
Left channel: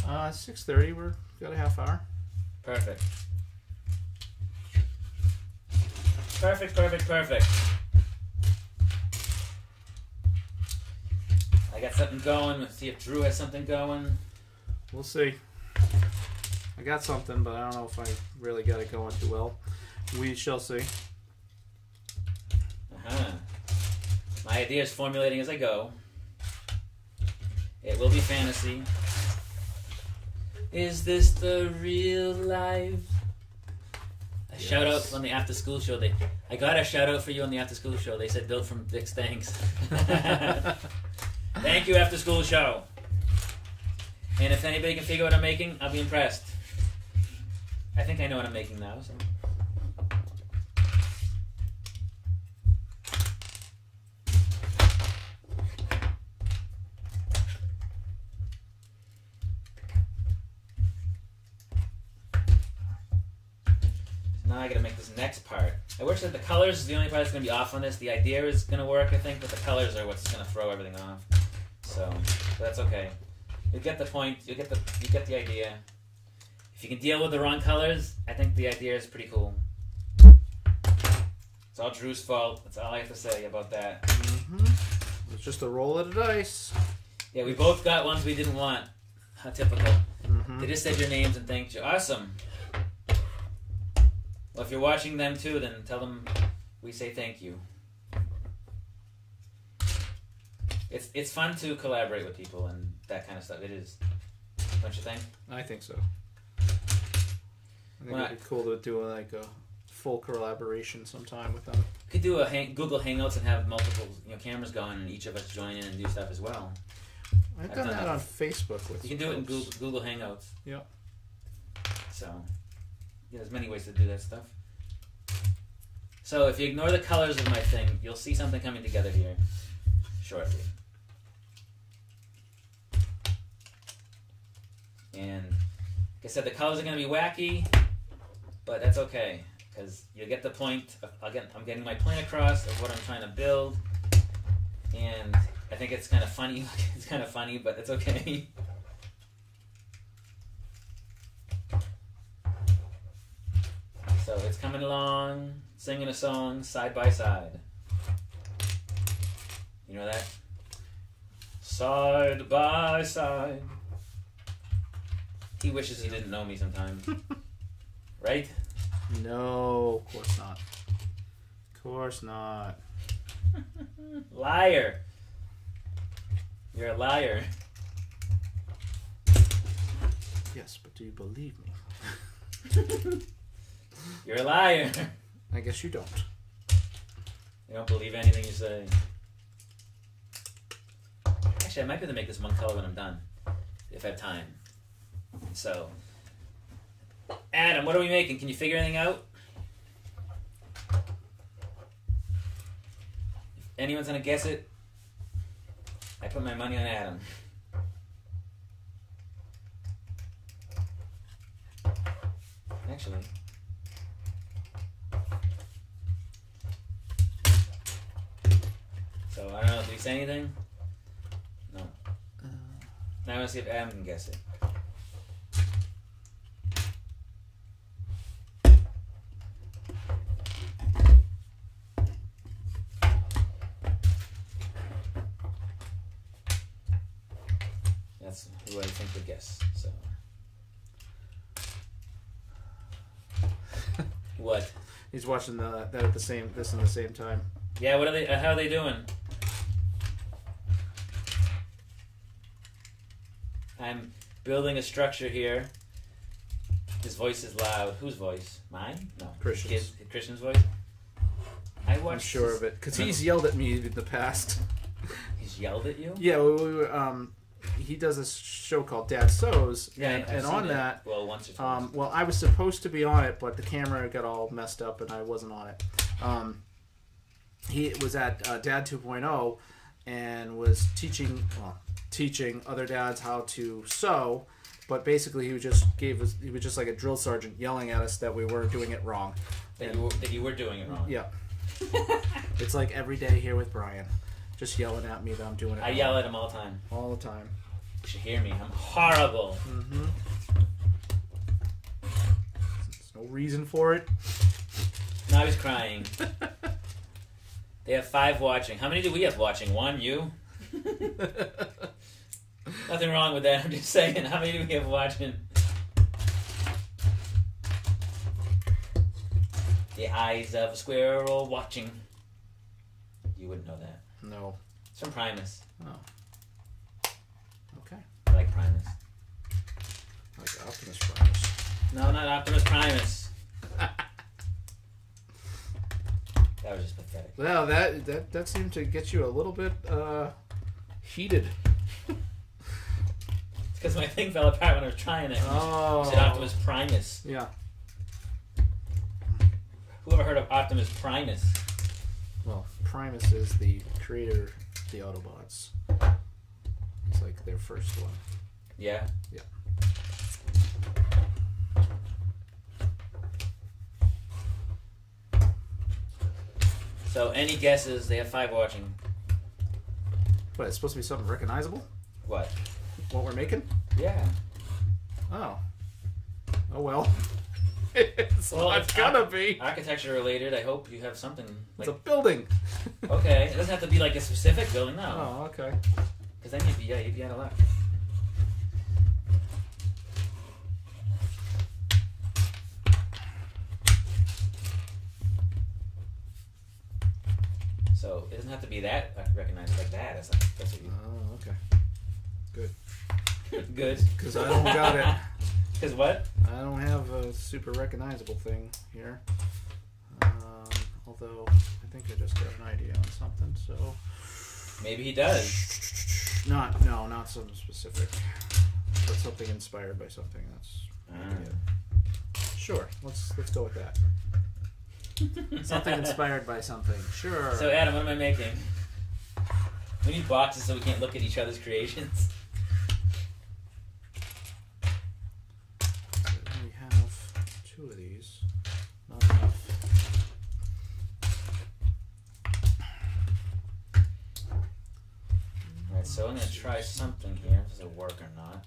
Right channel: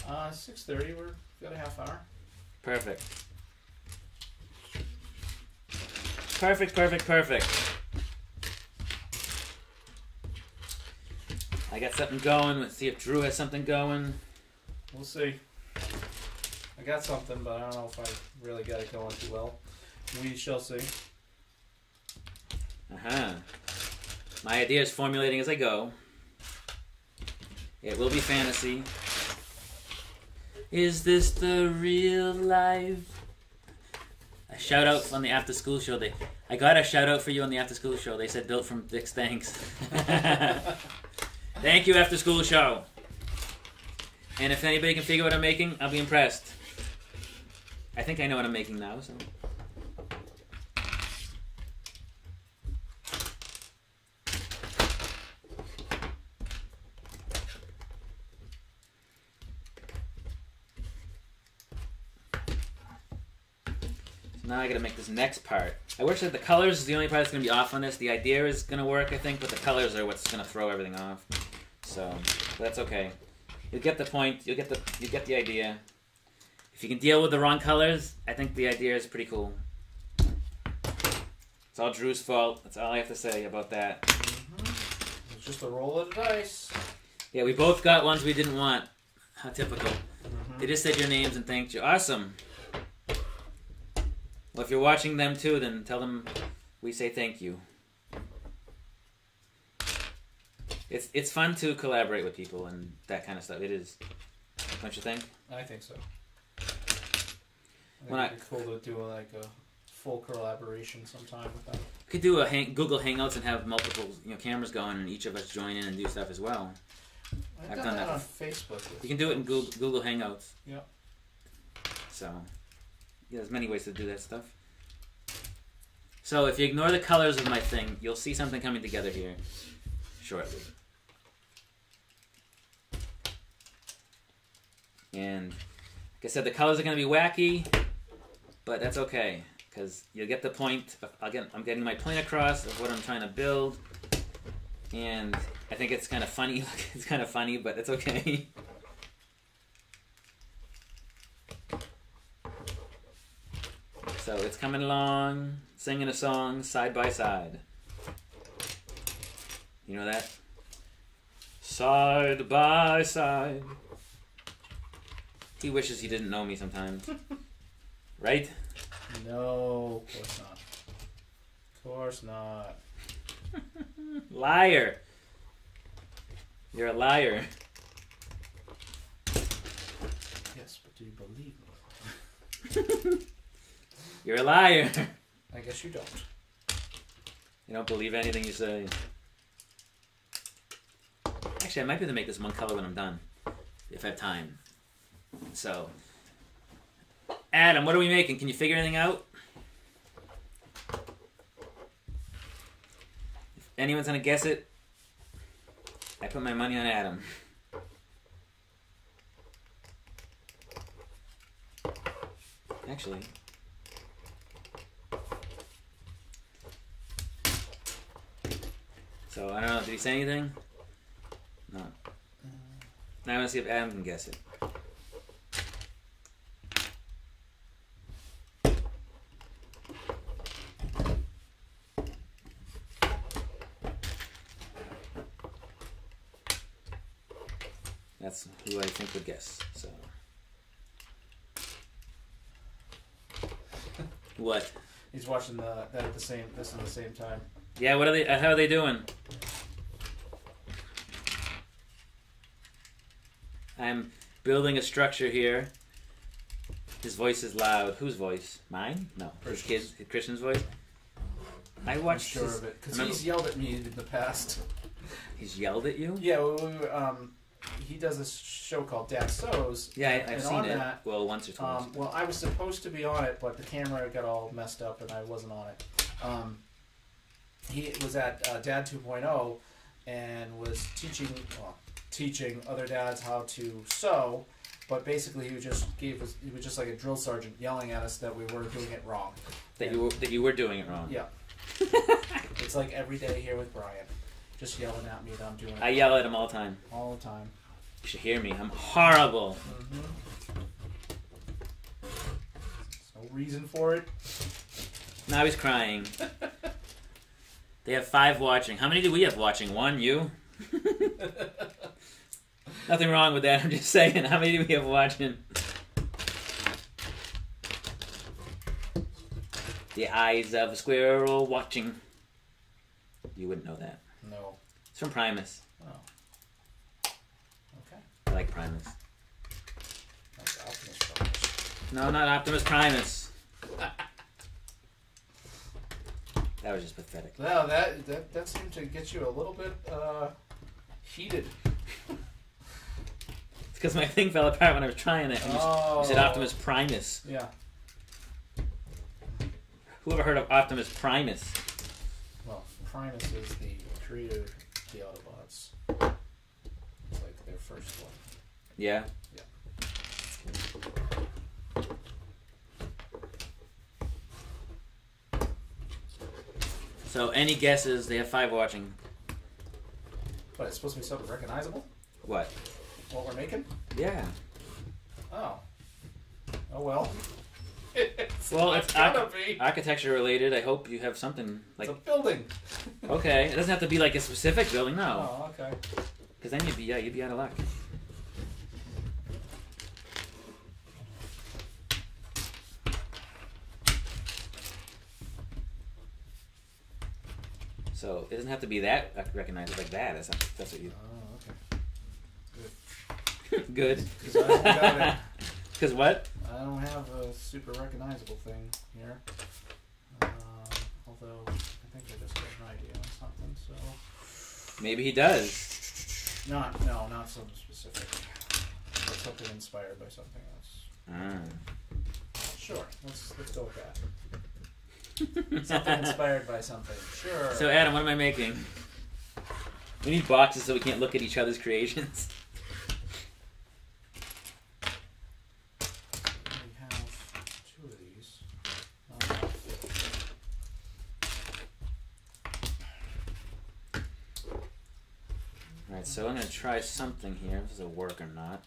6:30. We've got a half hour. Perfect. Perfect. I got something going. Let's see if Drew has something going. We'll see. I got something, but I don't know if I really got it going too well. We shall see. My idea is formulating as I go. It will be fantasy. Is this the real life? A shout out on the after school show. I got a shout out for you on the after school show. They said BuiltFromBricks, thanks. Thank you, after school show. And if anybody can figure what I'm making, I'll be impressed. I think I know what I'm making now. So. Now I gotta make this next part. I wish that the colors is the only part that's gonna be off on this. The idea is gonna work, I think, but the colors are what's gonna throw everything off. So that's okay. You'll get the point. You get the idea. If you can deal with the wrong colors, I think the idea is pretty cool. It's all Drew's fault. That's all I have to say about that. Mm-hmm. It's just a roll of the dice. Yeah, we both got ones we didn't want. How typical. Mm-hmm. They just said your names and thanked you. Awesome. Well, if you're watching them too, then tell them we say thank you. It's fun to collaborate with people and that kind of stuff. It is. Don't you think? I think so. I think it'd be cool to do like a full collaboration sometime with them. We could do a Google Hangouts and have multiple cameras going and each of us join in and do stuff as well. I've done that on Facebook. You can do it in Google Hangouts. Yeah. So, yeah, there's many ways to do that stuff. So if you ignore the colors of my thing, you'll see something coming together here shortly. And like I said, the colors are going to be wacky, but that's okay, because you'll get the point. I'm getting my point across of what I'm trying to build, and I think it's kind of funny. It's kind of funny, but it's okay. So it's coming along, singing a song side by side. You know that? Side by side. He wishes he didn't know me sometimes. Right? No, of course not. Of course not. Liar. You're a liar. Yes, but do you believe me? You're a liar. I guess you don't. You don't believe anything you say. Actually, I might be able to make this one color when I'm done, if I have time. So, Adam, what are we making? Can you figure anything out? If anyone's gonna guess it, I put my money on Adam. Actually, so I don't know. Did he say anything? No. Now I want to see if Adam can guess it. That's who I think would guess. So, what? He's watching that at this in the same time. Yeah. What are they? How are they doing? I'm building a structure here. His voice is loud. Whose voice? Mine? No. Christian's voice. I watched. I'm sure of it because he's yelled at me in the past. He's yelled at you? Yeah. He does this show called Dad Sews. Yeah, and on that, well, once or twice. Well, I was supposed to be on it, but the camera got all messed up, and I wasn't on it. He was at Dad 2.0 and was teaching other dads how to sew, but basically he was just like a drill sergeant yelling at us that we were doing it wrong. That you were doing it wrong. Yeah. It's like every day here with Brian. Just yelling at me that I'm doing it. I yell at him all the time. All the time. You should hear me. I'm horrible. Mm-hmm. There's no reason for it. Now he's crying. They have 5 watching. How many do we have watching? 1, you? Nothing wrong with that. I'm just saying. How many do we have watching? The eyes of a squirrel watching. You wouldn't know that. No. It's from Primus. Oh. Okay. I like Primus. Like Optimus Primus. No, not Optimus Primus. That was just pathetic. Well, that seemed to get you a little bit heated. It's because my thing fell apart when I was trying it. You said Optimus Primus. Yeah. Who ever heard of Optimus Primus? Well, Primus is the creator of the Autobots. It's like their first one. Yeah? Yeah. So, any guesses? They have 5 watching. But it's supposed to be something recognizable? What? What we're making? Yeah. Oh. Oh well. It's gonna be. Architecture related. I hope you have something like. It's a building. Okay, it doesn't have to be like a specific building, no. Oh, okay. Because then you'd be out of luck. So it doesn't have to be that recognized like that. That's what you. Oh, okay. Good. Good. Because I don't got it. Because what? I don't have a super recognizable thing here. Although I think I just got an idea on something. So maybe he does. Not something specific, but something inspired by something. That's sure. Let's go with that. Something inspired by something. Sure. So Adam, what am I making? We need boxes so we can't look at each other's creations. We have 2 of these. Not enough. Alright, so I'm going to try something here. Does it work or not?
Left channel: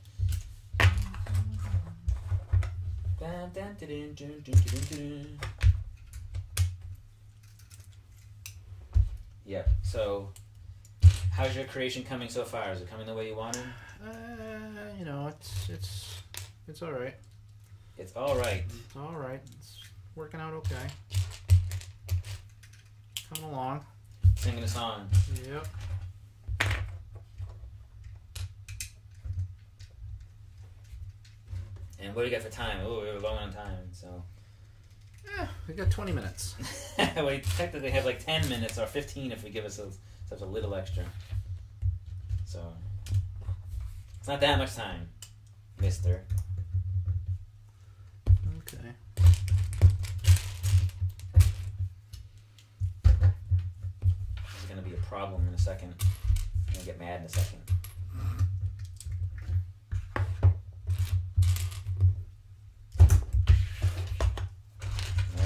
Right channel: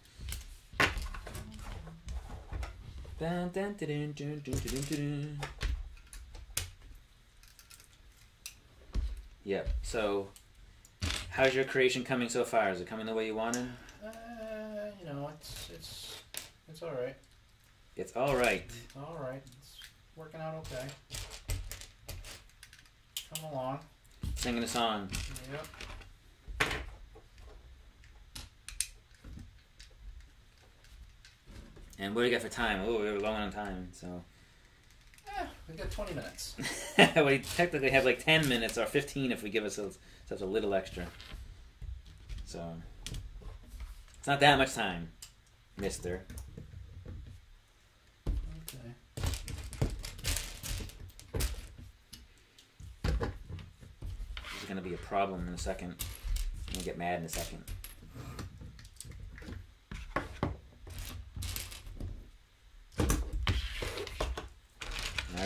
Yep, so how's your creation coming so far? Is it coming the way you wanted? You know, it's all right. It's alright. It's all right. It's working out okay. Come along. Singing a song. Yep. And what do you got for time? Oh, we were low on time, so. We got 20 minutes. We technically have like 10 minutes or 15 if we give ourselves a little extra. So, it's not that much time, mister. Okay. This is going to be a problem in a second. I'm going to get mad in a second.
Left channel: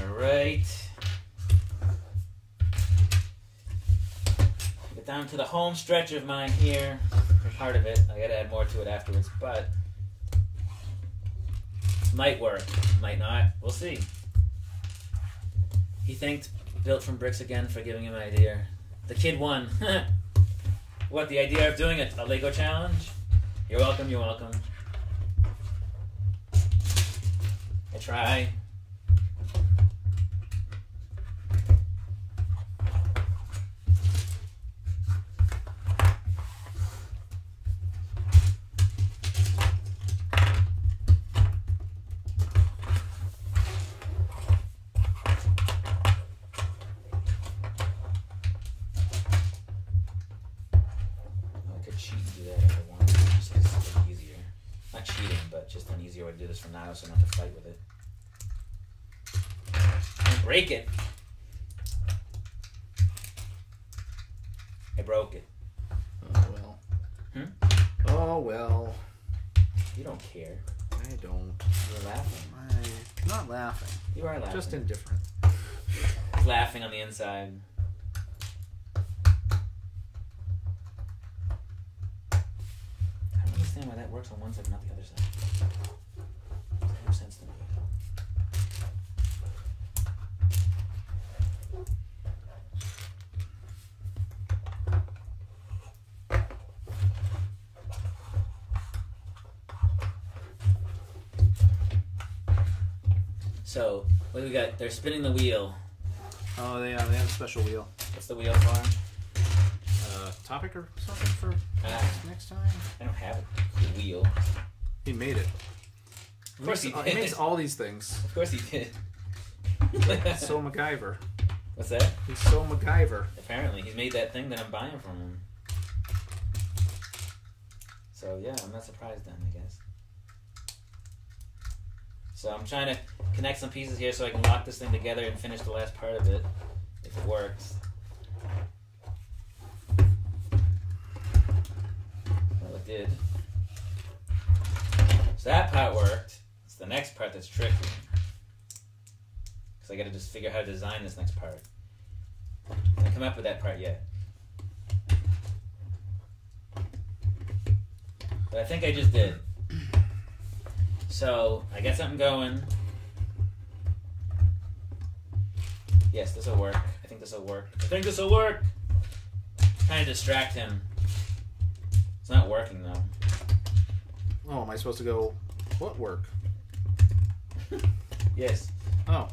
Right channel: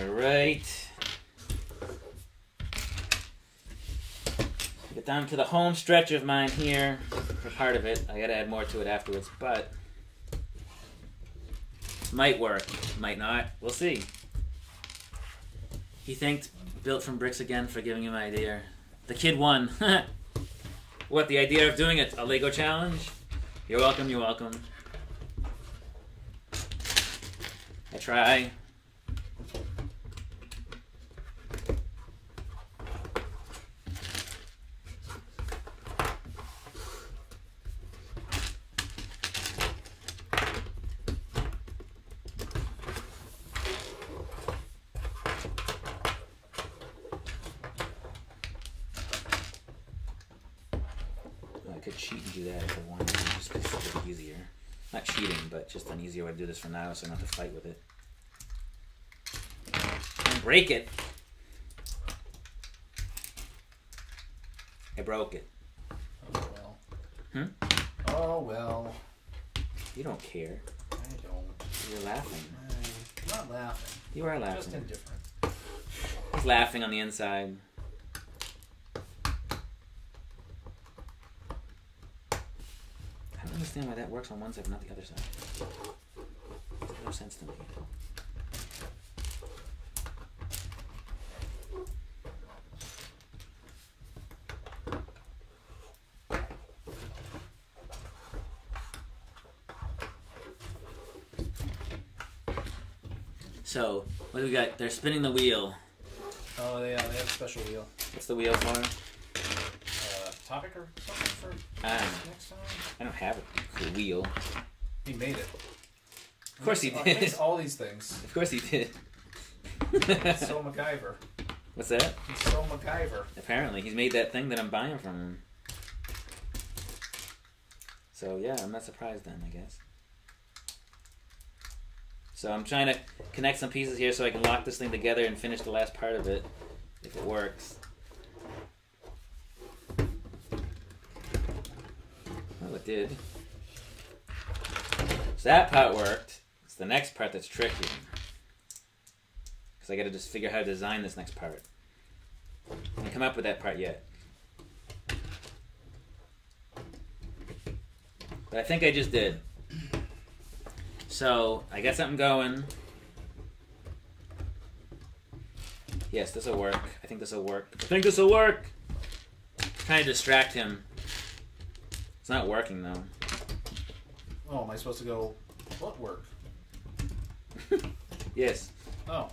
Alright. Get down to the home stretch of mine here. For part of it. I gotta add more to it afterwards, but might work, might not. We'll see. He thanked Built from Bricks again for giving him an idea. The kid won. What, the idea of doing a Lego challenge? You're welcome, you're welcome. I try. Just an easier way to do this from now so I don't have to fight with it. Break it! I broke it. Oh well. Oh well. You don't care. I don't. You're laughing. I'm not laughing. You are laughing. Just indifferent. He's laughing on the inside. I don't understand why that works on one side but not the other side. Makes no sense to me. So, what do we got? They're spinning the wheel. Oh, yeah, they have a special wheel. What's the wheel for? Topic or something for next time? I don't have a wheel. He made it. Of course he did. He makes all these things. Of course he did. So MacGyver. What's that? He's so MacGyver. Apparently, he's made that thing that I'm buying from him. So yeah, I'm not surprised then, I guess. So I'm trying to connect some pieces here so I can lock this thing together and finish the last part of it, if it works. Well, it did. So that part worked. It's the next part that's tricky. Because I got to just figure out how to design this next part. I haven't come up with that part yet. But I think I just did. So, I got something going. Yes, this will work. I think this will work. I think this will work! Trying to distract him. It's not working, though. Oh, am I supposed to go, what work? Yes. Oh.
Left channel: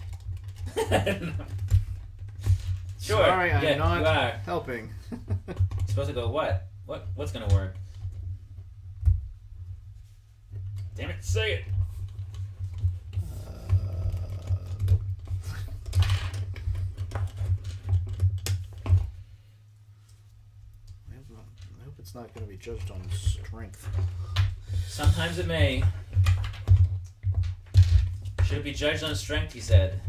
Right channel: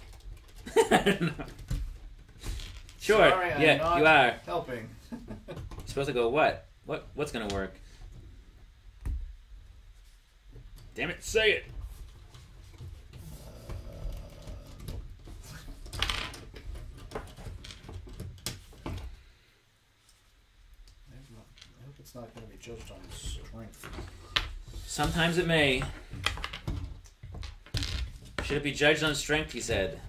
Sure. Sorry, I'm yeah, not you are. helping. You're supposed to go, what? What's gonna work? Damn it, say it! I hope it's not going to be judged on strength. Sometimes it may. Should it be judged on strength, he said.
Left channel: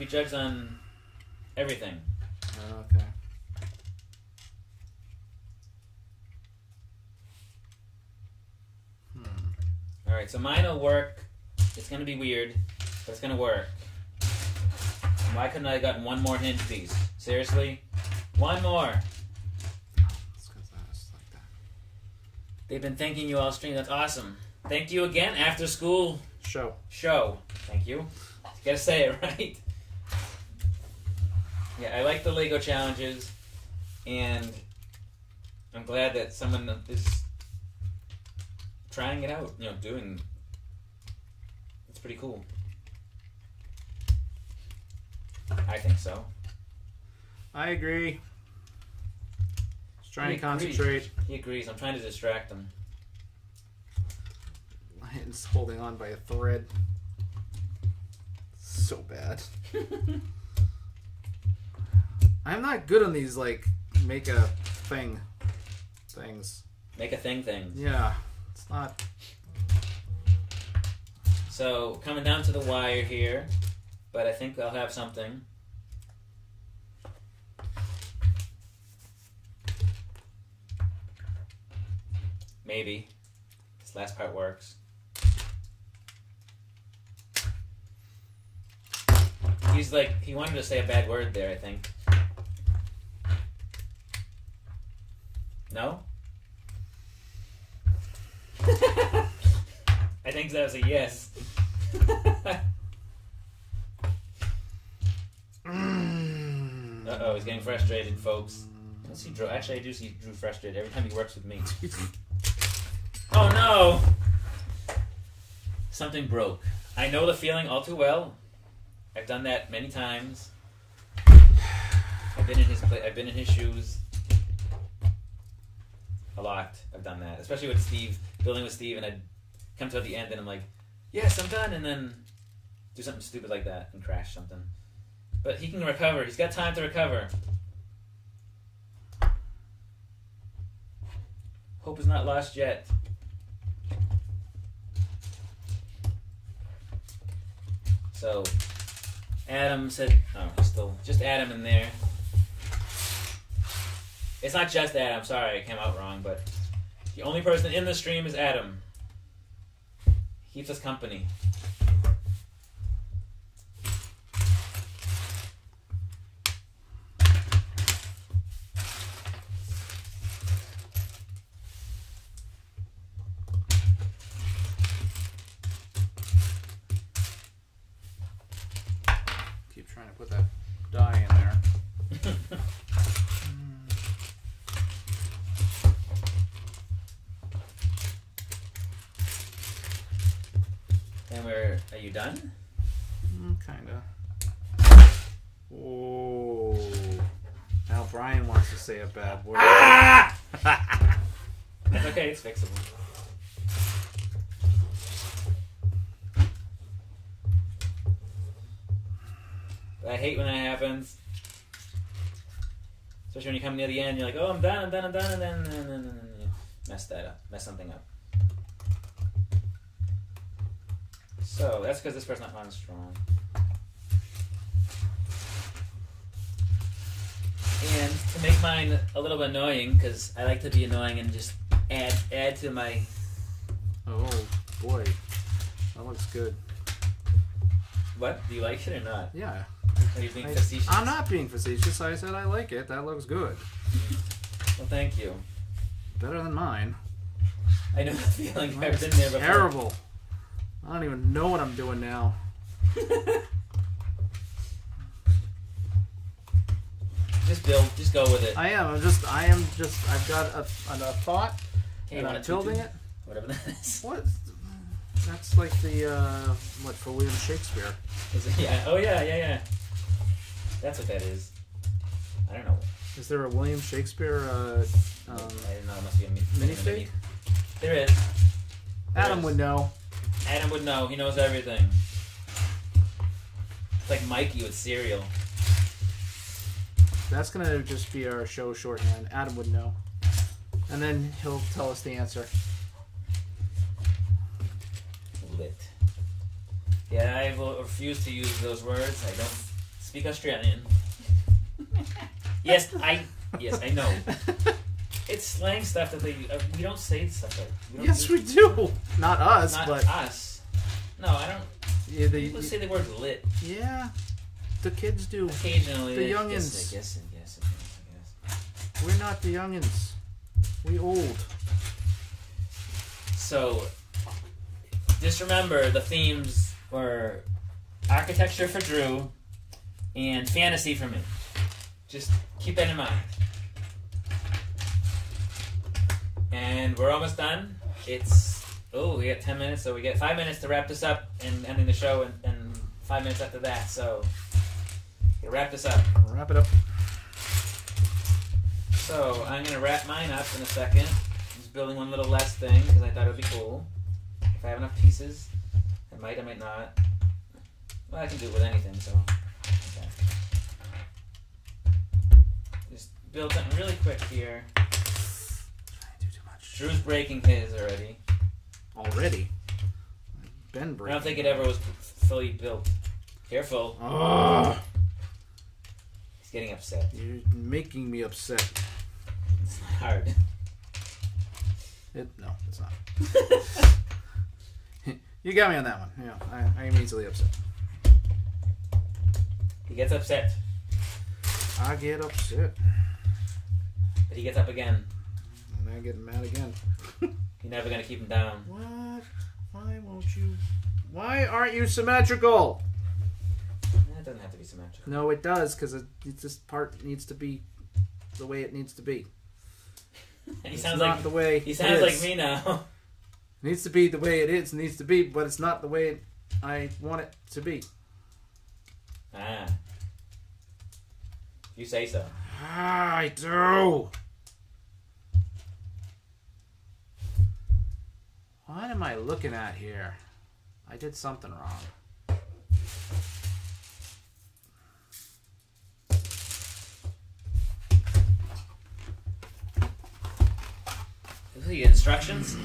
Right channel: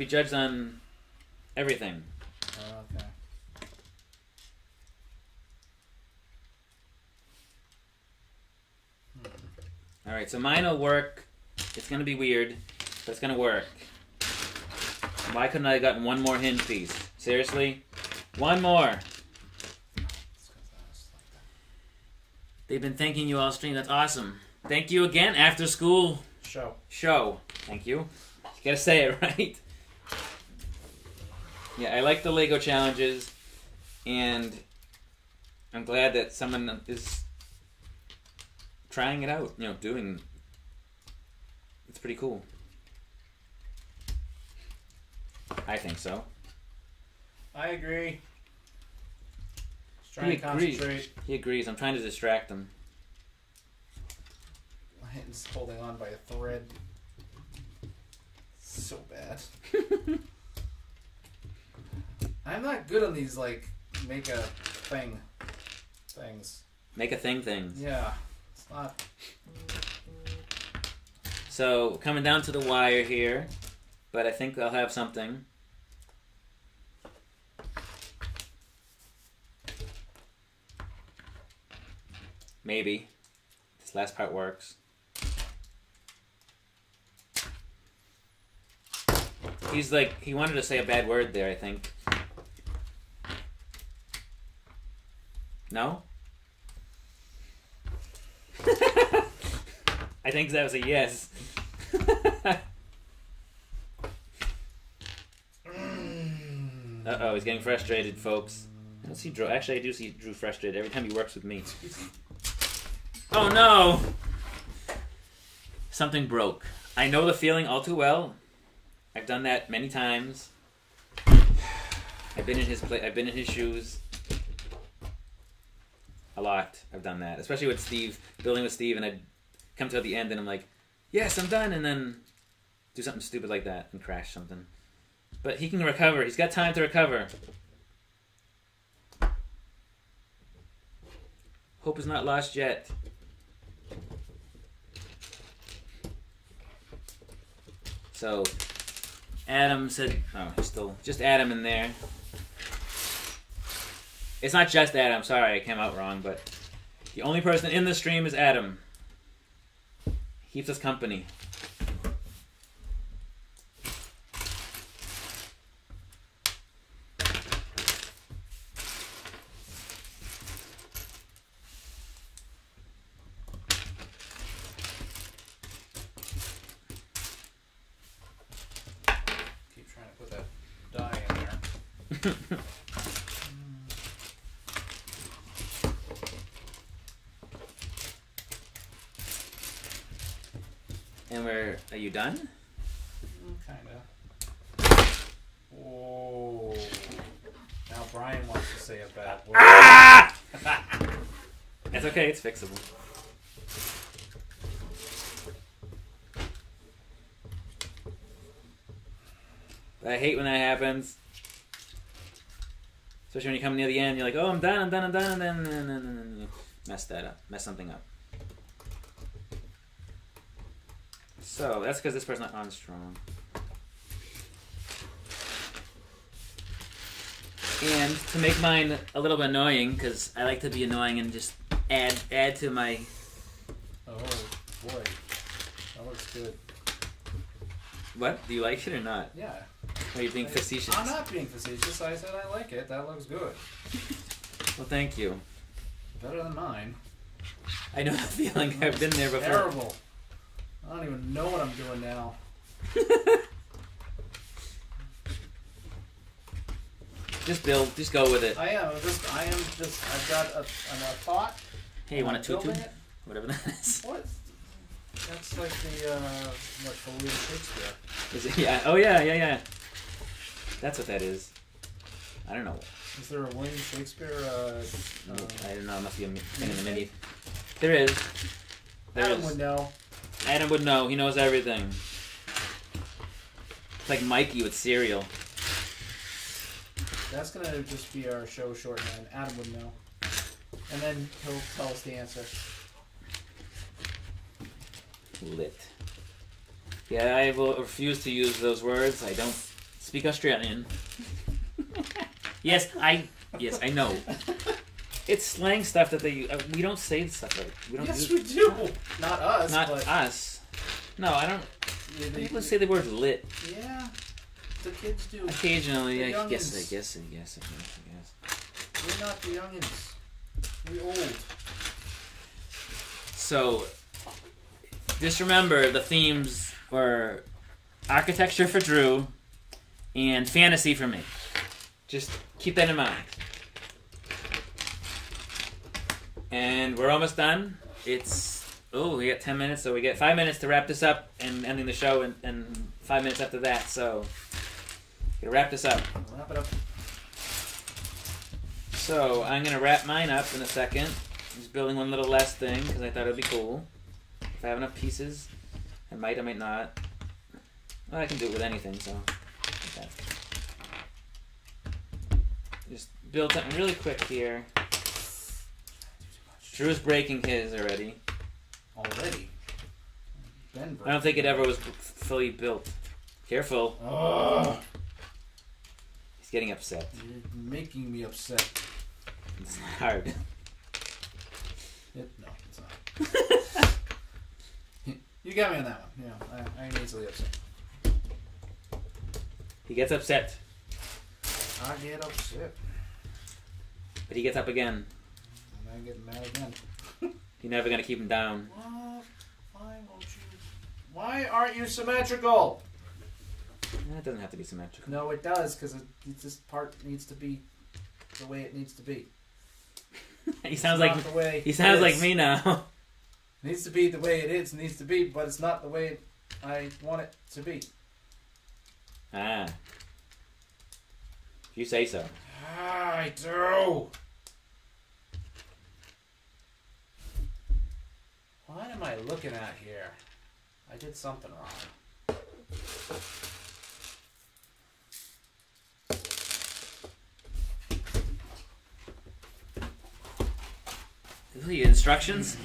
be judged on everything. Okay. Alright, so mine will work. It's going to be weird, but it's going to work. Why couldn't I have gotten one more hinge piece? Seriously? One more! It's 'cause I was like that. They've been thanking you all stream. That's awesome. Thank you again, after school show. Thank you. You gotta say it right. Yeah, I like the Lego challenges, and I'm glad that someone is trying it out. You know, doing. It's pretty cool. I think so. I agree. Just trying to concentrate. He agrees. I'm trying to distract him. He's holding on by a thread. So bad. I'm not good on these, like, make a things. Make a things. Yeah. It's not... So, coming down to the wire here, but I think I'll have something. Maybe. This last part works. He's like, he wanted to say a bad word there, I think. No? I think that was a yes. Uh-oh, he's getting frustrated, folks. I don't see Drew. Actually, I do see Drew frustrated every time he works with me. Oh no! Something broke. I know the feeling all too well. I've done that many times. I've been in his I've been in his shoes. A lot. I've done that, especially with Steve, building with Steve, and I'd come to the end and I'm like, yes, I'm done, and then do something stupid like that and crash something. But he can recover. He's got time to recover. Hope is not lost yet. So, Adam said, oh, he's still, just Adam in there. It's not just Adam, sorry, I came out wrong, but the only person in the stream is Adam. Keeps us company. Keep trying to put that die in there. And are you done? Kinda. Oh. Now Brian wants to say a bad word. Ah! It's okay, it's fixable. I hate when that happens. Especially when you come near the end, you're like, oh, I'm done, and then you mess that up. Mess something up. So, that's because this person's not on strong. And to make mine a little bit annoying, because I like to be annoying and just add to my... Oh, boy. That looks good. What? Do you like it or not? Yeah. Are you being facetious? I'm not being facetious. I said I like it. That looks good. Well, thank you. Better than mine. I know the feeling. I've been there before. Terrible. I don't even know what I'm doing now. Just build. Just go with it. I am just. I've got a thought. Hey, you want to building it? Whatever that is. What? That's like the what for William Shakespeare? Is it? Yeah. Oh yeah. That's what that is. I don't know. Is there a William Shakespeare? I don't know. It must be a minifig? There is. Adam would know. Adam would know. He knows everything. It's like Mikey with cereal. That's gonna just be our show shorthand. Adam would know, and then he'll tell us the answer. Lit. Yeah, I will refuse to use those words. I don't speak Australian. Yes, I know. It's slang stuff that we don't say stuff like. We don't Yes, we do. Not us, Not but us. No, I don't. yeah, Let's say the word lit. yeah, the kids do. Occasionally. The I youngins. guess. We're not the youngins. We old. So, just remember the themes were architecture for Drew and fantasy for me. Just keep that in mind. And we're almost done. We got 10 minutes, so we get 5 minutes to wrap this up and ending the show, and 5 minutes after that. So, gonna wrap this up. Wrap it up. So, I'm gonna wrap mine up in a second. Just building one little last thing because I thought it would be cool. If I have enough pieces, I might not. Well, I can do it with anything, so. Okay. Just build something really quick here. Drew's breaking his already. Already? Ben I don't think it ever was fully built. Careful. Oh, He's getting upset. you're making me upset. It's not hard. No, it's not. You got me on that one. Yeah, I am easily upset. He gets upset, I get upset. but he gets up again. And I get mad again. You're never gonna keep him down. What? Why won't you? Why aren't you symmetrical? It doesn't have to be symmetrical. No, it does, because this part needs to be the way it needs to be. He sounds like the way he sounds it like is. me now. It needs to be the way it is. It needs to be, but it's not the way I want it to be. Ah. If you say so. I do. What am I looking at here? I did something wrong. The instructions?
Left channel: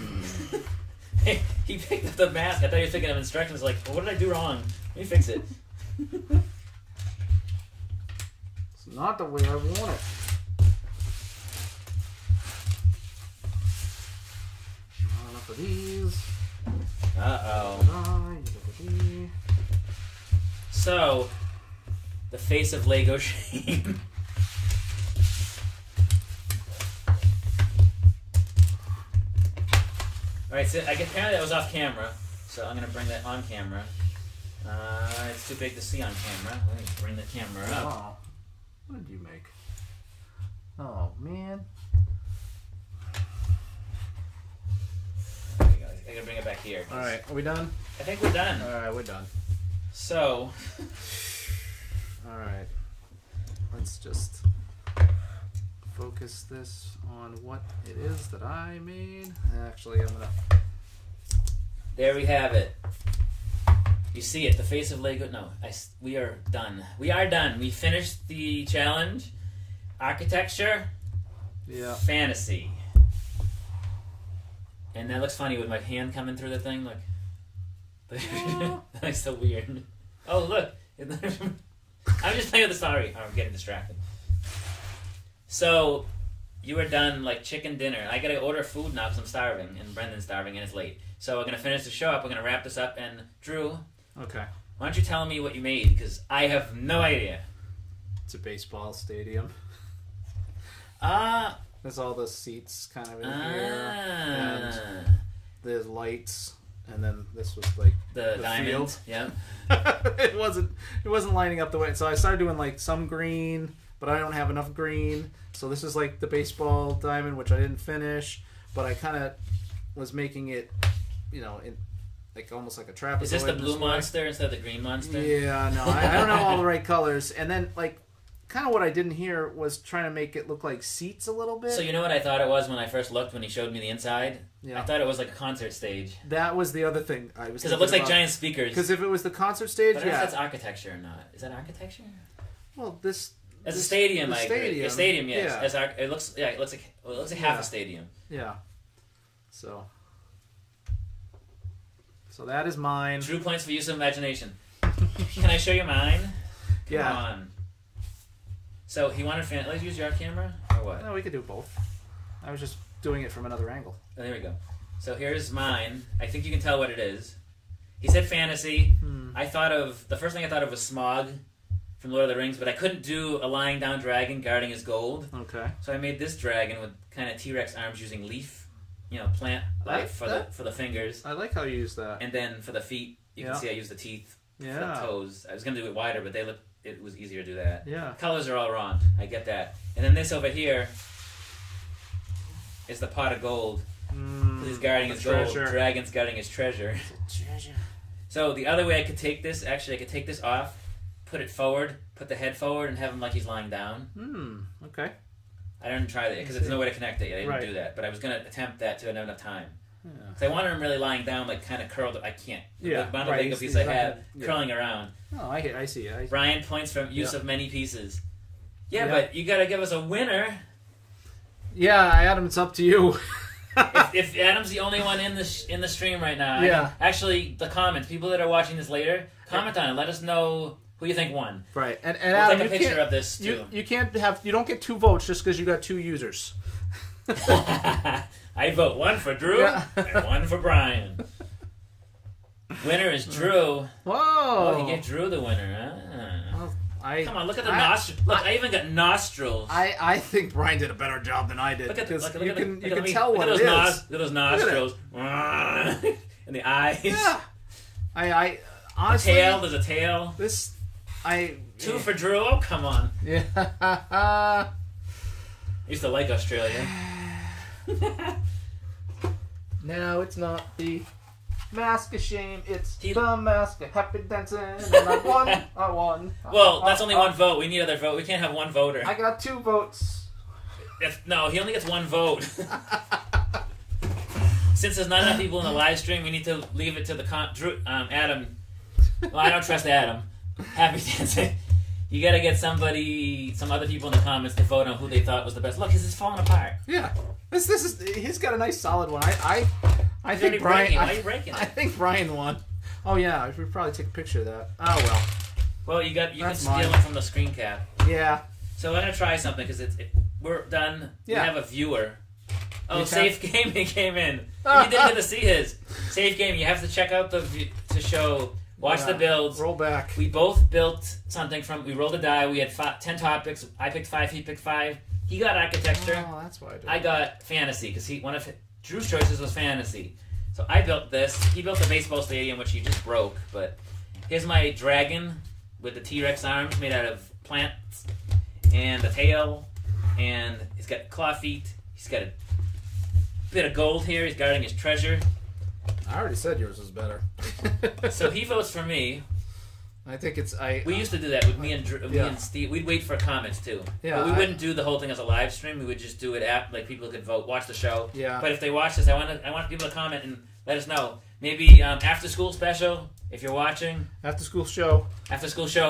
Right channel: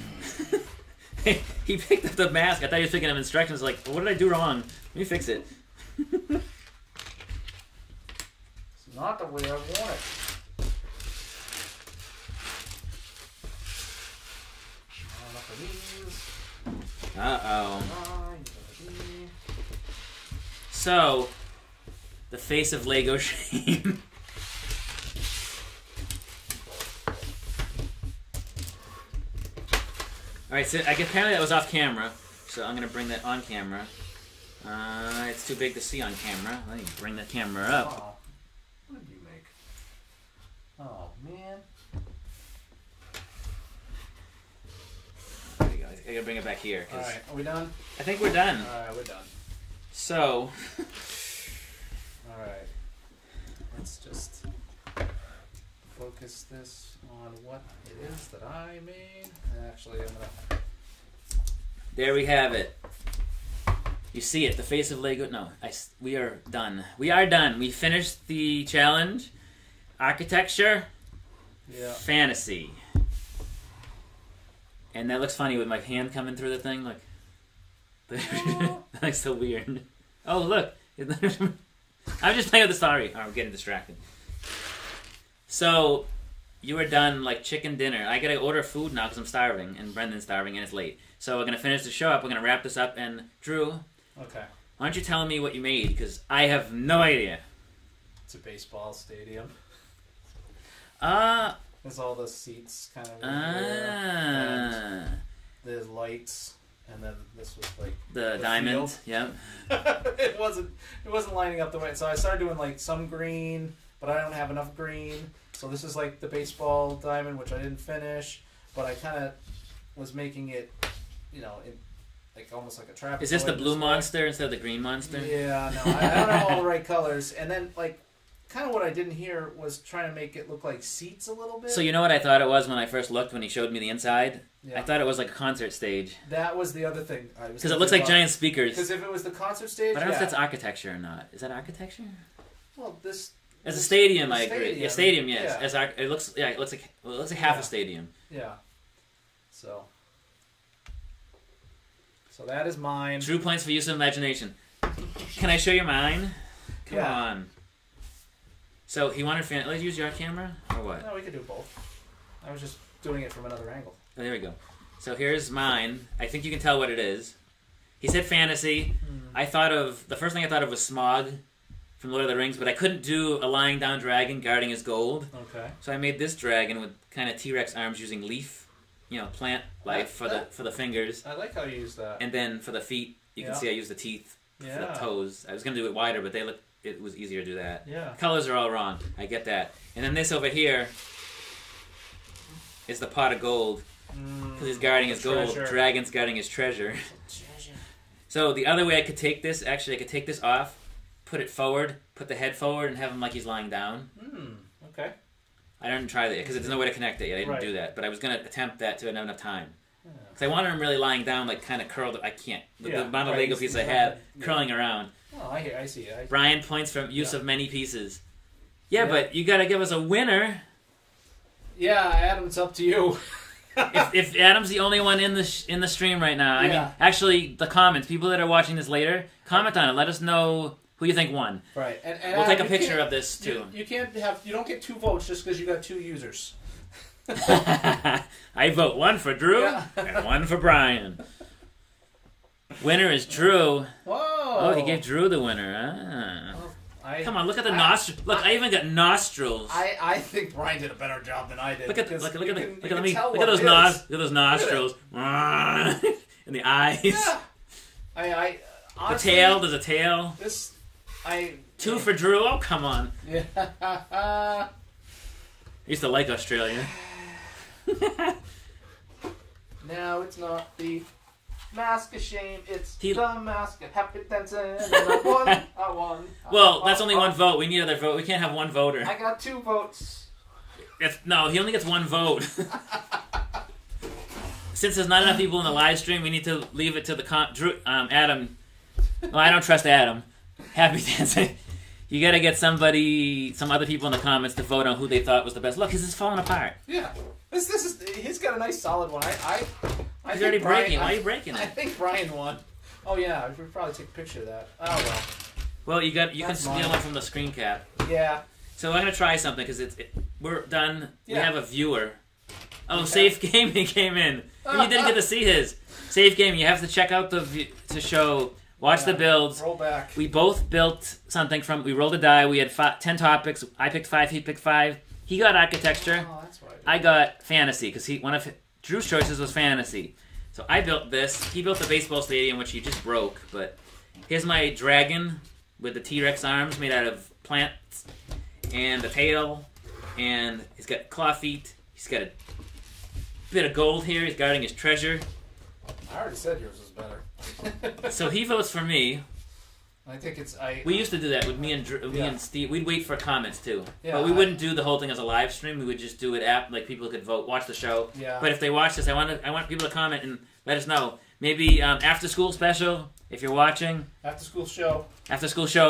He picked up the mask. I thought he was picking up instructions. Like, well, what did I do wrong? Let me fix it. It's not the way I want it. Enough of these. Uh-oh. So, the face of Lego shame. Alright, so apparently that was off camera, so I'm going to bring that on camera. It's too big to see on camera. Let me bring the camera up. Oh. What did you make? Oh, man. There you go. I got to bring it back here. Alright, are we done? I think we're done. Alright, we're done. So, Alright. Let's just focus this on what it is that I made. Actually, I'm gonna... there we have it. You see it, the face of Lego. No, we are done. We are done. We finished the challenge. Architecture, Yeah. fantasy. And that looks funny with my hand coming through the thing. Like, that's so weird. Oh, look. I'm just playing with the story. I'm getting distracted. So, you were done like chicken dinner. I gotta order food now because I'm starving, and Brendan's starving, and it's late. So we're gonna finish the show up. We're gonna wrap this up. And Drew, Okay. why don't you tell me what you made? Because I have no idea. It's a baseball stadium. Ah. There's all the seats kind of in here. And there's lights. And then this was like The diamond. field. Yep. it wasn't lining up the way. So I started doing like some green, but I don't have enough green. So this is like the baseball diamond, which I didn't finish, but I kind of was making it, in like almost like a trapezoid. Is this the blue way. monster instead of the green monster? Yeah, no, I don't have all the right colors. And then like kind of what I didn't hear was trying to make it look like seats a little bit. So you know what I thought it was when I first looked when he showed me the inside? Yeah. I thought it was like a concert stage. That was the other thing. Because it looks like giant speakers. Because if it was the concert stage, But I don't know if that's architecture or not. Is that architecture? Well, this... As a stadium, the I agree. stadium, A stadium, yes. yeah. It looks like half Yeah. a stadium. Yeah. So that is mine. True points for use of imagination. Can I show you mine? Come on. So he wanted let's use your camera or what? No, we could do both. I was just doing it from another angle. Oh, there we go. So here's mine. I think you can tell what it is. He said fantasy. The first thing I thought of was Smog from Lord of the Rings, but I couldn't do a lying down dragon guarding his gold. Okay. So I made this dragon with kind of T-Rex arms using leaf, plant life for the fingers. I like how you use that. And then for the feet, you can see I used the teeth for the toes. I was gonna do it wider, but it was easier to do that. Yeah. Colors are all wrong. I get that. And then this over here is the pot of gold. Because he's guarding his gold. Dragon's guarding his treasure. So the other way I could take this, actually I could take this off, put it forward, put the head forward, and have him like he's lying down. Okay. I didn't try that because there's no way to connect it yet. I didn't do that. But I was going to attempt that to have enough time. Because I wanted him really lying down, like kind of curled. I can't. The amount of Lego pieces I have curling around. Oh, I see. Brian points from use of many pieces. Yeah, but you got to give us a winner. Yeah, Adam, it's up to you. if Adam's the only one in the stream right now, I mean, actually the comments, people that are watching this later, comment on it. Let us know who you think won. Right, and we'll Adam, take a picture of this too. You don't get 2 votes just because you got 2 users. I vote 1 for Drew and 1 for Brian. Winner is Drew. Whoa! Oh, he gave Drew the winner. Come on, look at the nostrils. Look, I even got nostrils. I think Brian did a better job than I did. Look at those nostrils. And the eyes. Yeah. I honestly, the tail. There's a tail. 2 for Drew. Oh, come on. Yeah. I used to like Australia. No, it's not the mask of shame. It's the mask of happy dancing. And I won. Well, that's only 1 vote. We need another vote. We can't have 1 voter. I got 2 votes. No, he only gets 1 vote. Since there's not enough people in the live stream, we need to leave it to the Adam. Well, I don't trust Adam. Happy dancing. You got to get some other people in the comments to vote on who they thought was the best. Look, this is falling apart. Yeah, he's got a nice solid one. I think Brian. Why are you breaking it? I think Brian won. Oh yeah, I should probably take a picture of that. Oh well. Well, you can steal it from the screen cap. Yeah. So I'm gonna try something because we're done. Yeah. We have a viewer. Oh, Safe Gaming came in. You didn't get to see his. Safe Gaming. You have to check out the show. Watch the builds. Roll back. We both built something we rolled a die. We had 10 topics. I picked 5. He picked 5. He got architecture. Oh, that's why I got fantasy because one of Drew's choices was fantasy. So I built this. He built the baseball stadium, which he just broke. But here's my dragon with the T-Rex arms made out of plants and a tail. And he's got claw feet. He's got a bit of gold here. He's guarding his treasure. I already said yours was better. So he votes for me. I think it's We used to do that with me and Steve. We'd wait for comments too. Yeah, but we wouldn't do the whole thing as a live stream. We would just do it like people could vote, watch the show. Yeah. But if they watch this, I want people to comment and let us know. Maybe after school special if you're watching. After school show.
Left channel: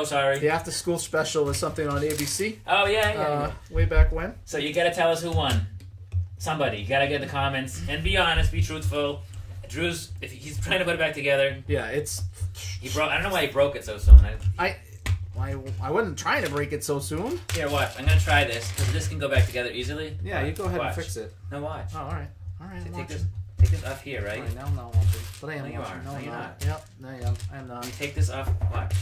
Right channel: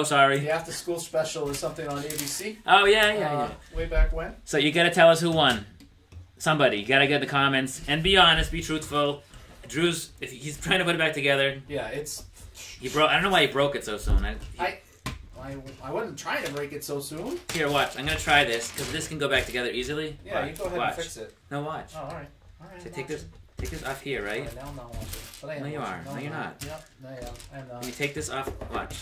Sorry. The after school special is something on ABC. Oh yeah. Way back when. So you got to tell us who won. Somebody. You got to get the comments and be honest, be truthful. Drew's if he's trying to put it back together. Yeah, it's. I don't know why he broke it so soon. I wasn't trying to break it so soon. Here, watch. I'm gonna try this because this can go back together easily. Yeah, watch. You go ahead and fix it. No, watch. Oh, all right. So take this off here, right? Right, now I'm not watching. But I am. No, you are. No, you're not. Yep, I am not. You take this off. Watch.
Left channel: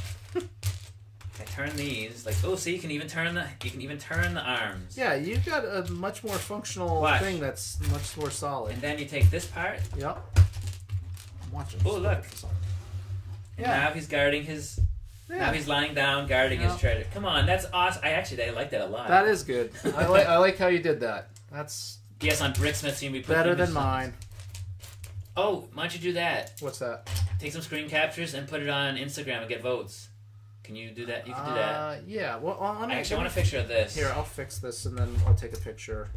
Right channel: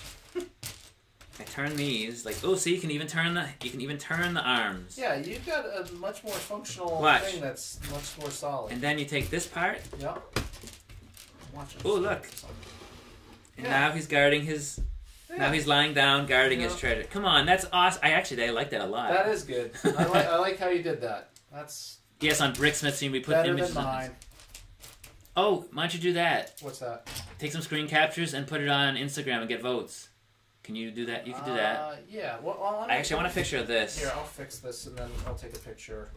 I turn these see you can even turn the arms. Yeah, you've got a much more functional thing that's much more solid. And then you take this part. Yep. I'm watching. Oh, look. And now he's guarding his. Yeah. Now he's lying down, guarding his treasure. Come on, that's awesome. I like that a lot. That is good. I like how you did that. That's. Yes, on Bricksmith Scene we put better than mine. Oh, why don't you do that? What's that? Take some screen captures and put it on Instagram and get votes. Can you do that? You can do that. Yeah. Well, I actually want a picture of this. Here, I'll fix this and then I'll take a picture.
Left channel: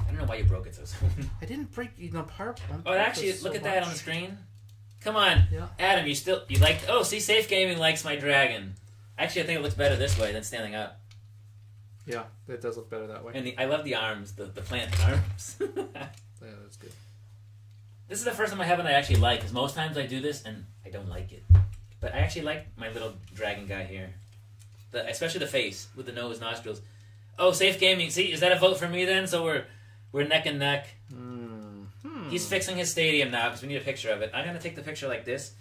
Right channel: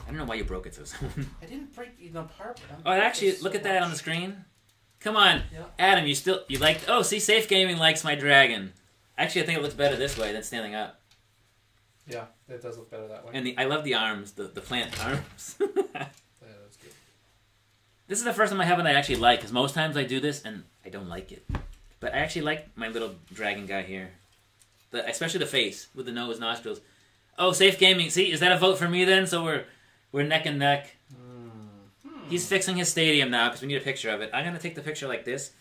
I don't know why you broke it so soon. I didn't break part. Oh, actually, look at that on the screen. Come on, Adam. You like? Oh, see, Safe Gaming likes my dragon. Actually, I think it looks better this way than standing up. Yeah, it does look better that way. And I love the arms, the plant arms. Yeah, that's good. This is the first time I have one I actually like, because most times I do this and I don't like it. But I actually like my little dragon guy here. especially the face with the nose, nostrils. Oh, Safe Gaming. See, is that a vote for me then? So we're neck and neck. He's fixing his stadium now because we need a picture of it. I'm gonna take the picture like this.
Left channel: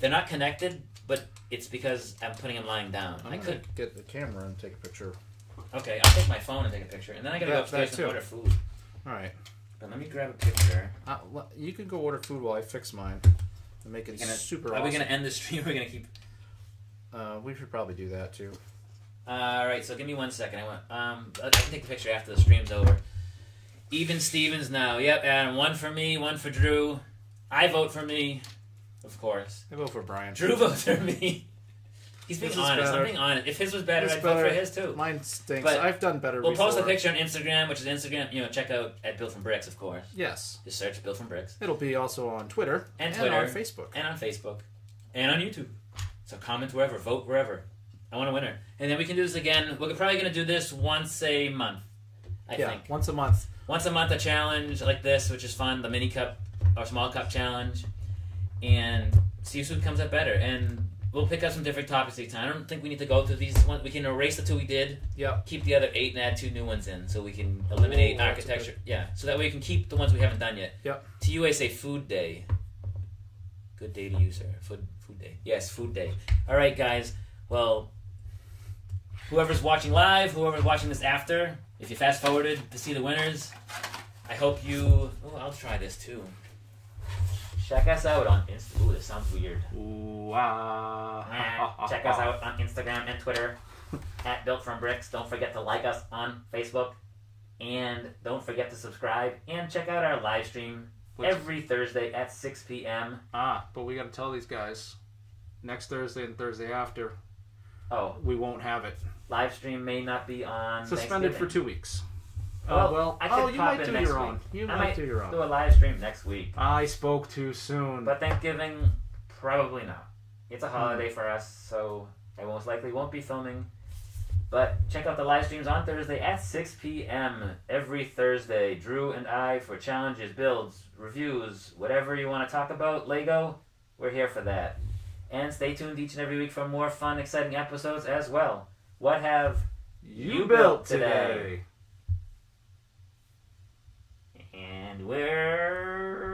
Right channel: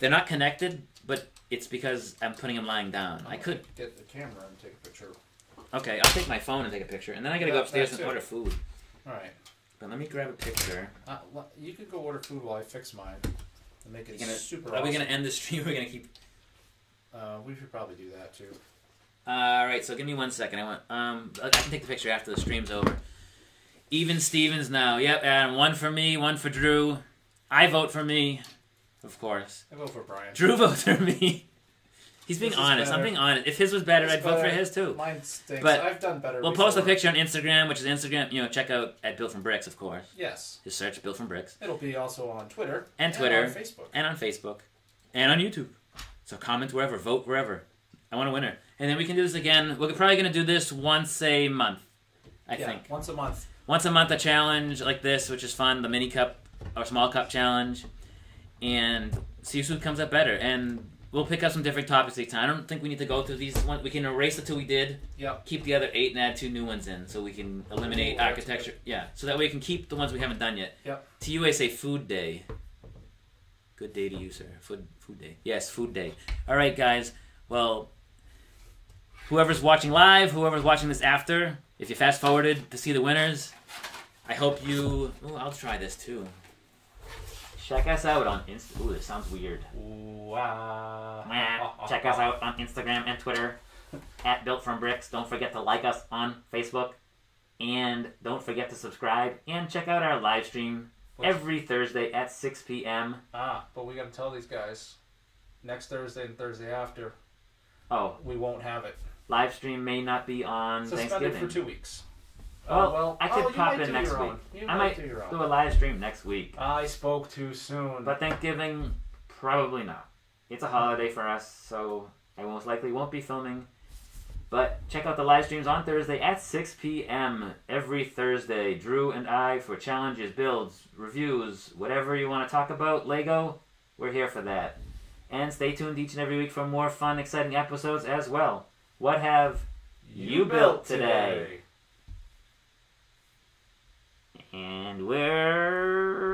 They're not connected, but it's because I'm putting him lying down. I could get the camera and take a picture. Okay, I'll take my phone and take a picture, and then I gotta go upstairs and order food. All right. But let me grab a picture. You can go order food while I fix mine. And make it super. Are we gonna end the stream? Or are we gonna keep? We should probably do that too. All right, so give me 1 second. I can take the picture after the stream's over. Even Stevens now. Yep, and 1 for me, 1 for Drew. I vote for me, of course. I vote for Brian. Drew votes for me. He's being honest. I'm being honest. If his was better, I'd vote for his too. Mine stinks. But I've done better. We'll post a picture on Instagram, which is Instagram. Check out at BuiltFromBricks, of course. Yes. Just search BuiltFromBricks. It'll be also on Twitter and on Facebook and on Facebook and on YouTube. So comment wherever, vote wherever. I want a winner, and then we can do this again. We're probably gonna do this once a month. I think once a month. Once a month, a challenge like this, which is fun. The mini cup or small cup challenge, and see who comes up better. And we'll pick up some different topics each time. I don't think we need to go through these ones. We can erase the 2 we did. Yep. Keep the other 8 and add 2 new ones in, so we can eliminate architecture. Yeah. So that way we can keep the ones we haven't done yet. Yep. To you, I say food day. Good day to you, sir. Food day. Yes, food day. All right, guys. Well, whoever's watching live, whoever's watching this after, if you fast forwarded to see the winners, I hope you. Oh, I'll try this too. Check us out on Instagram. Ooh, this sounds weird. Wow. Check us out on Instagram and Twitter at BuiltFromBricks. Don't forget to like us on Facebook. And don't forget to subscribe. And check out our live stream every Thursday at 6 p.m. But we got to tell these guys. Next Thursday and Thursday after. Oh. We won't have it. Live stream may not be on Suspended for 2 weeks. Well, I could pop in next week. I might do a live stream next week. I spoke too soon. But Thanksgiving, probably not. It's a holiday for us, so I most likely won't be filming. But check out the live streams on Thursday at 6 p.m. every Thursday. Drew and I for challenges, builds, reviews, whatever you want to talk about, Lego, we're here for that. And stay tuned each and every week for more fun, exciting episodes as well. What have you built today? And we're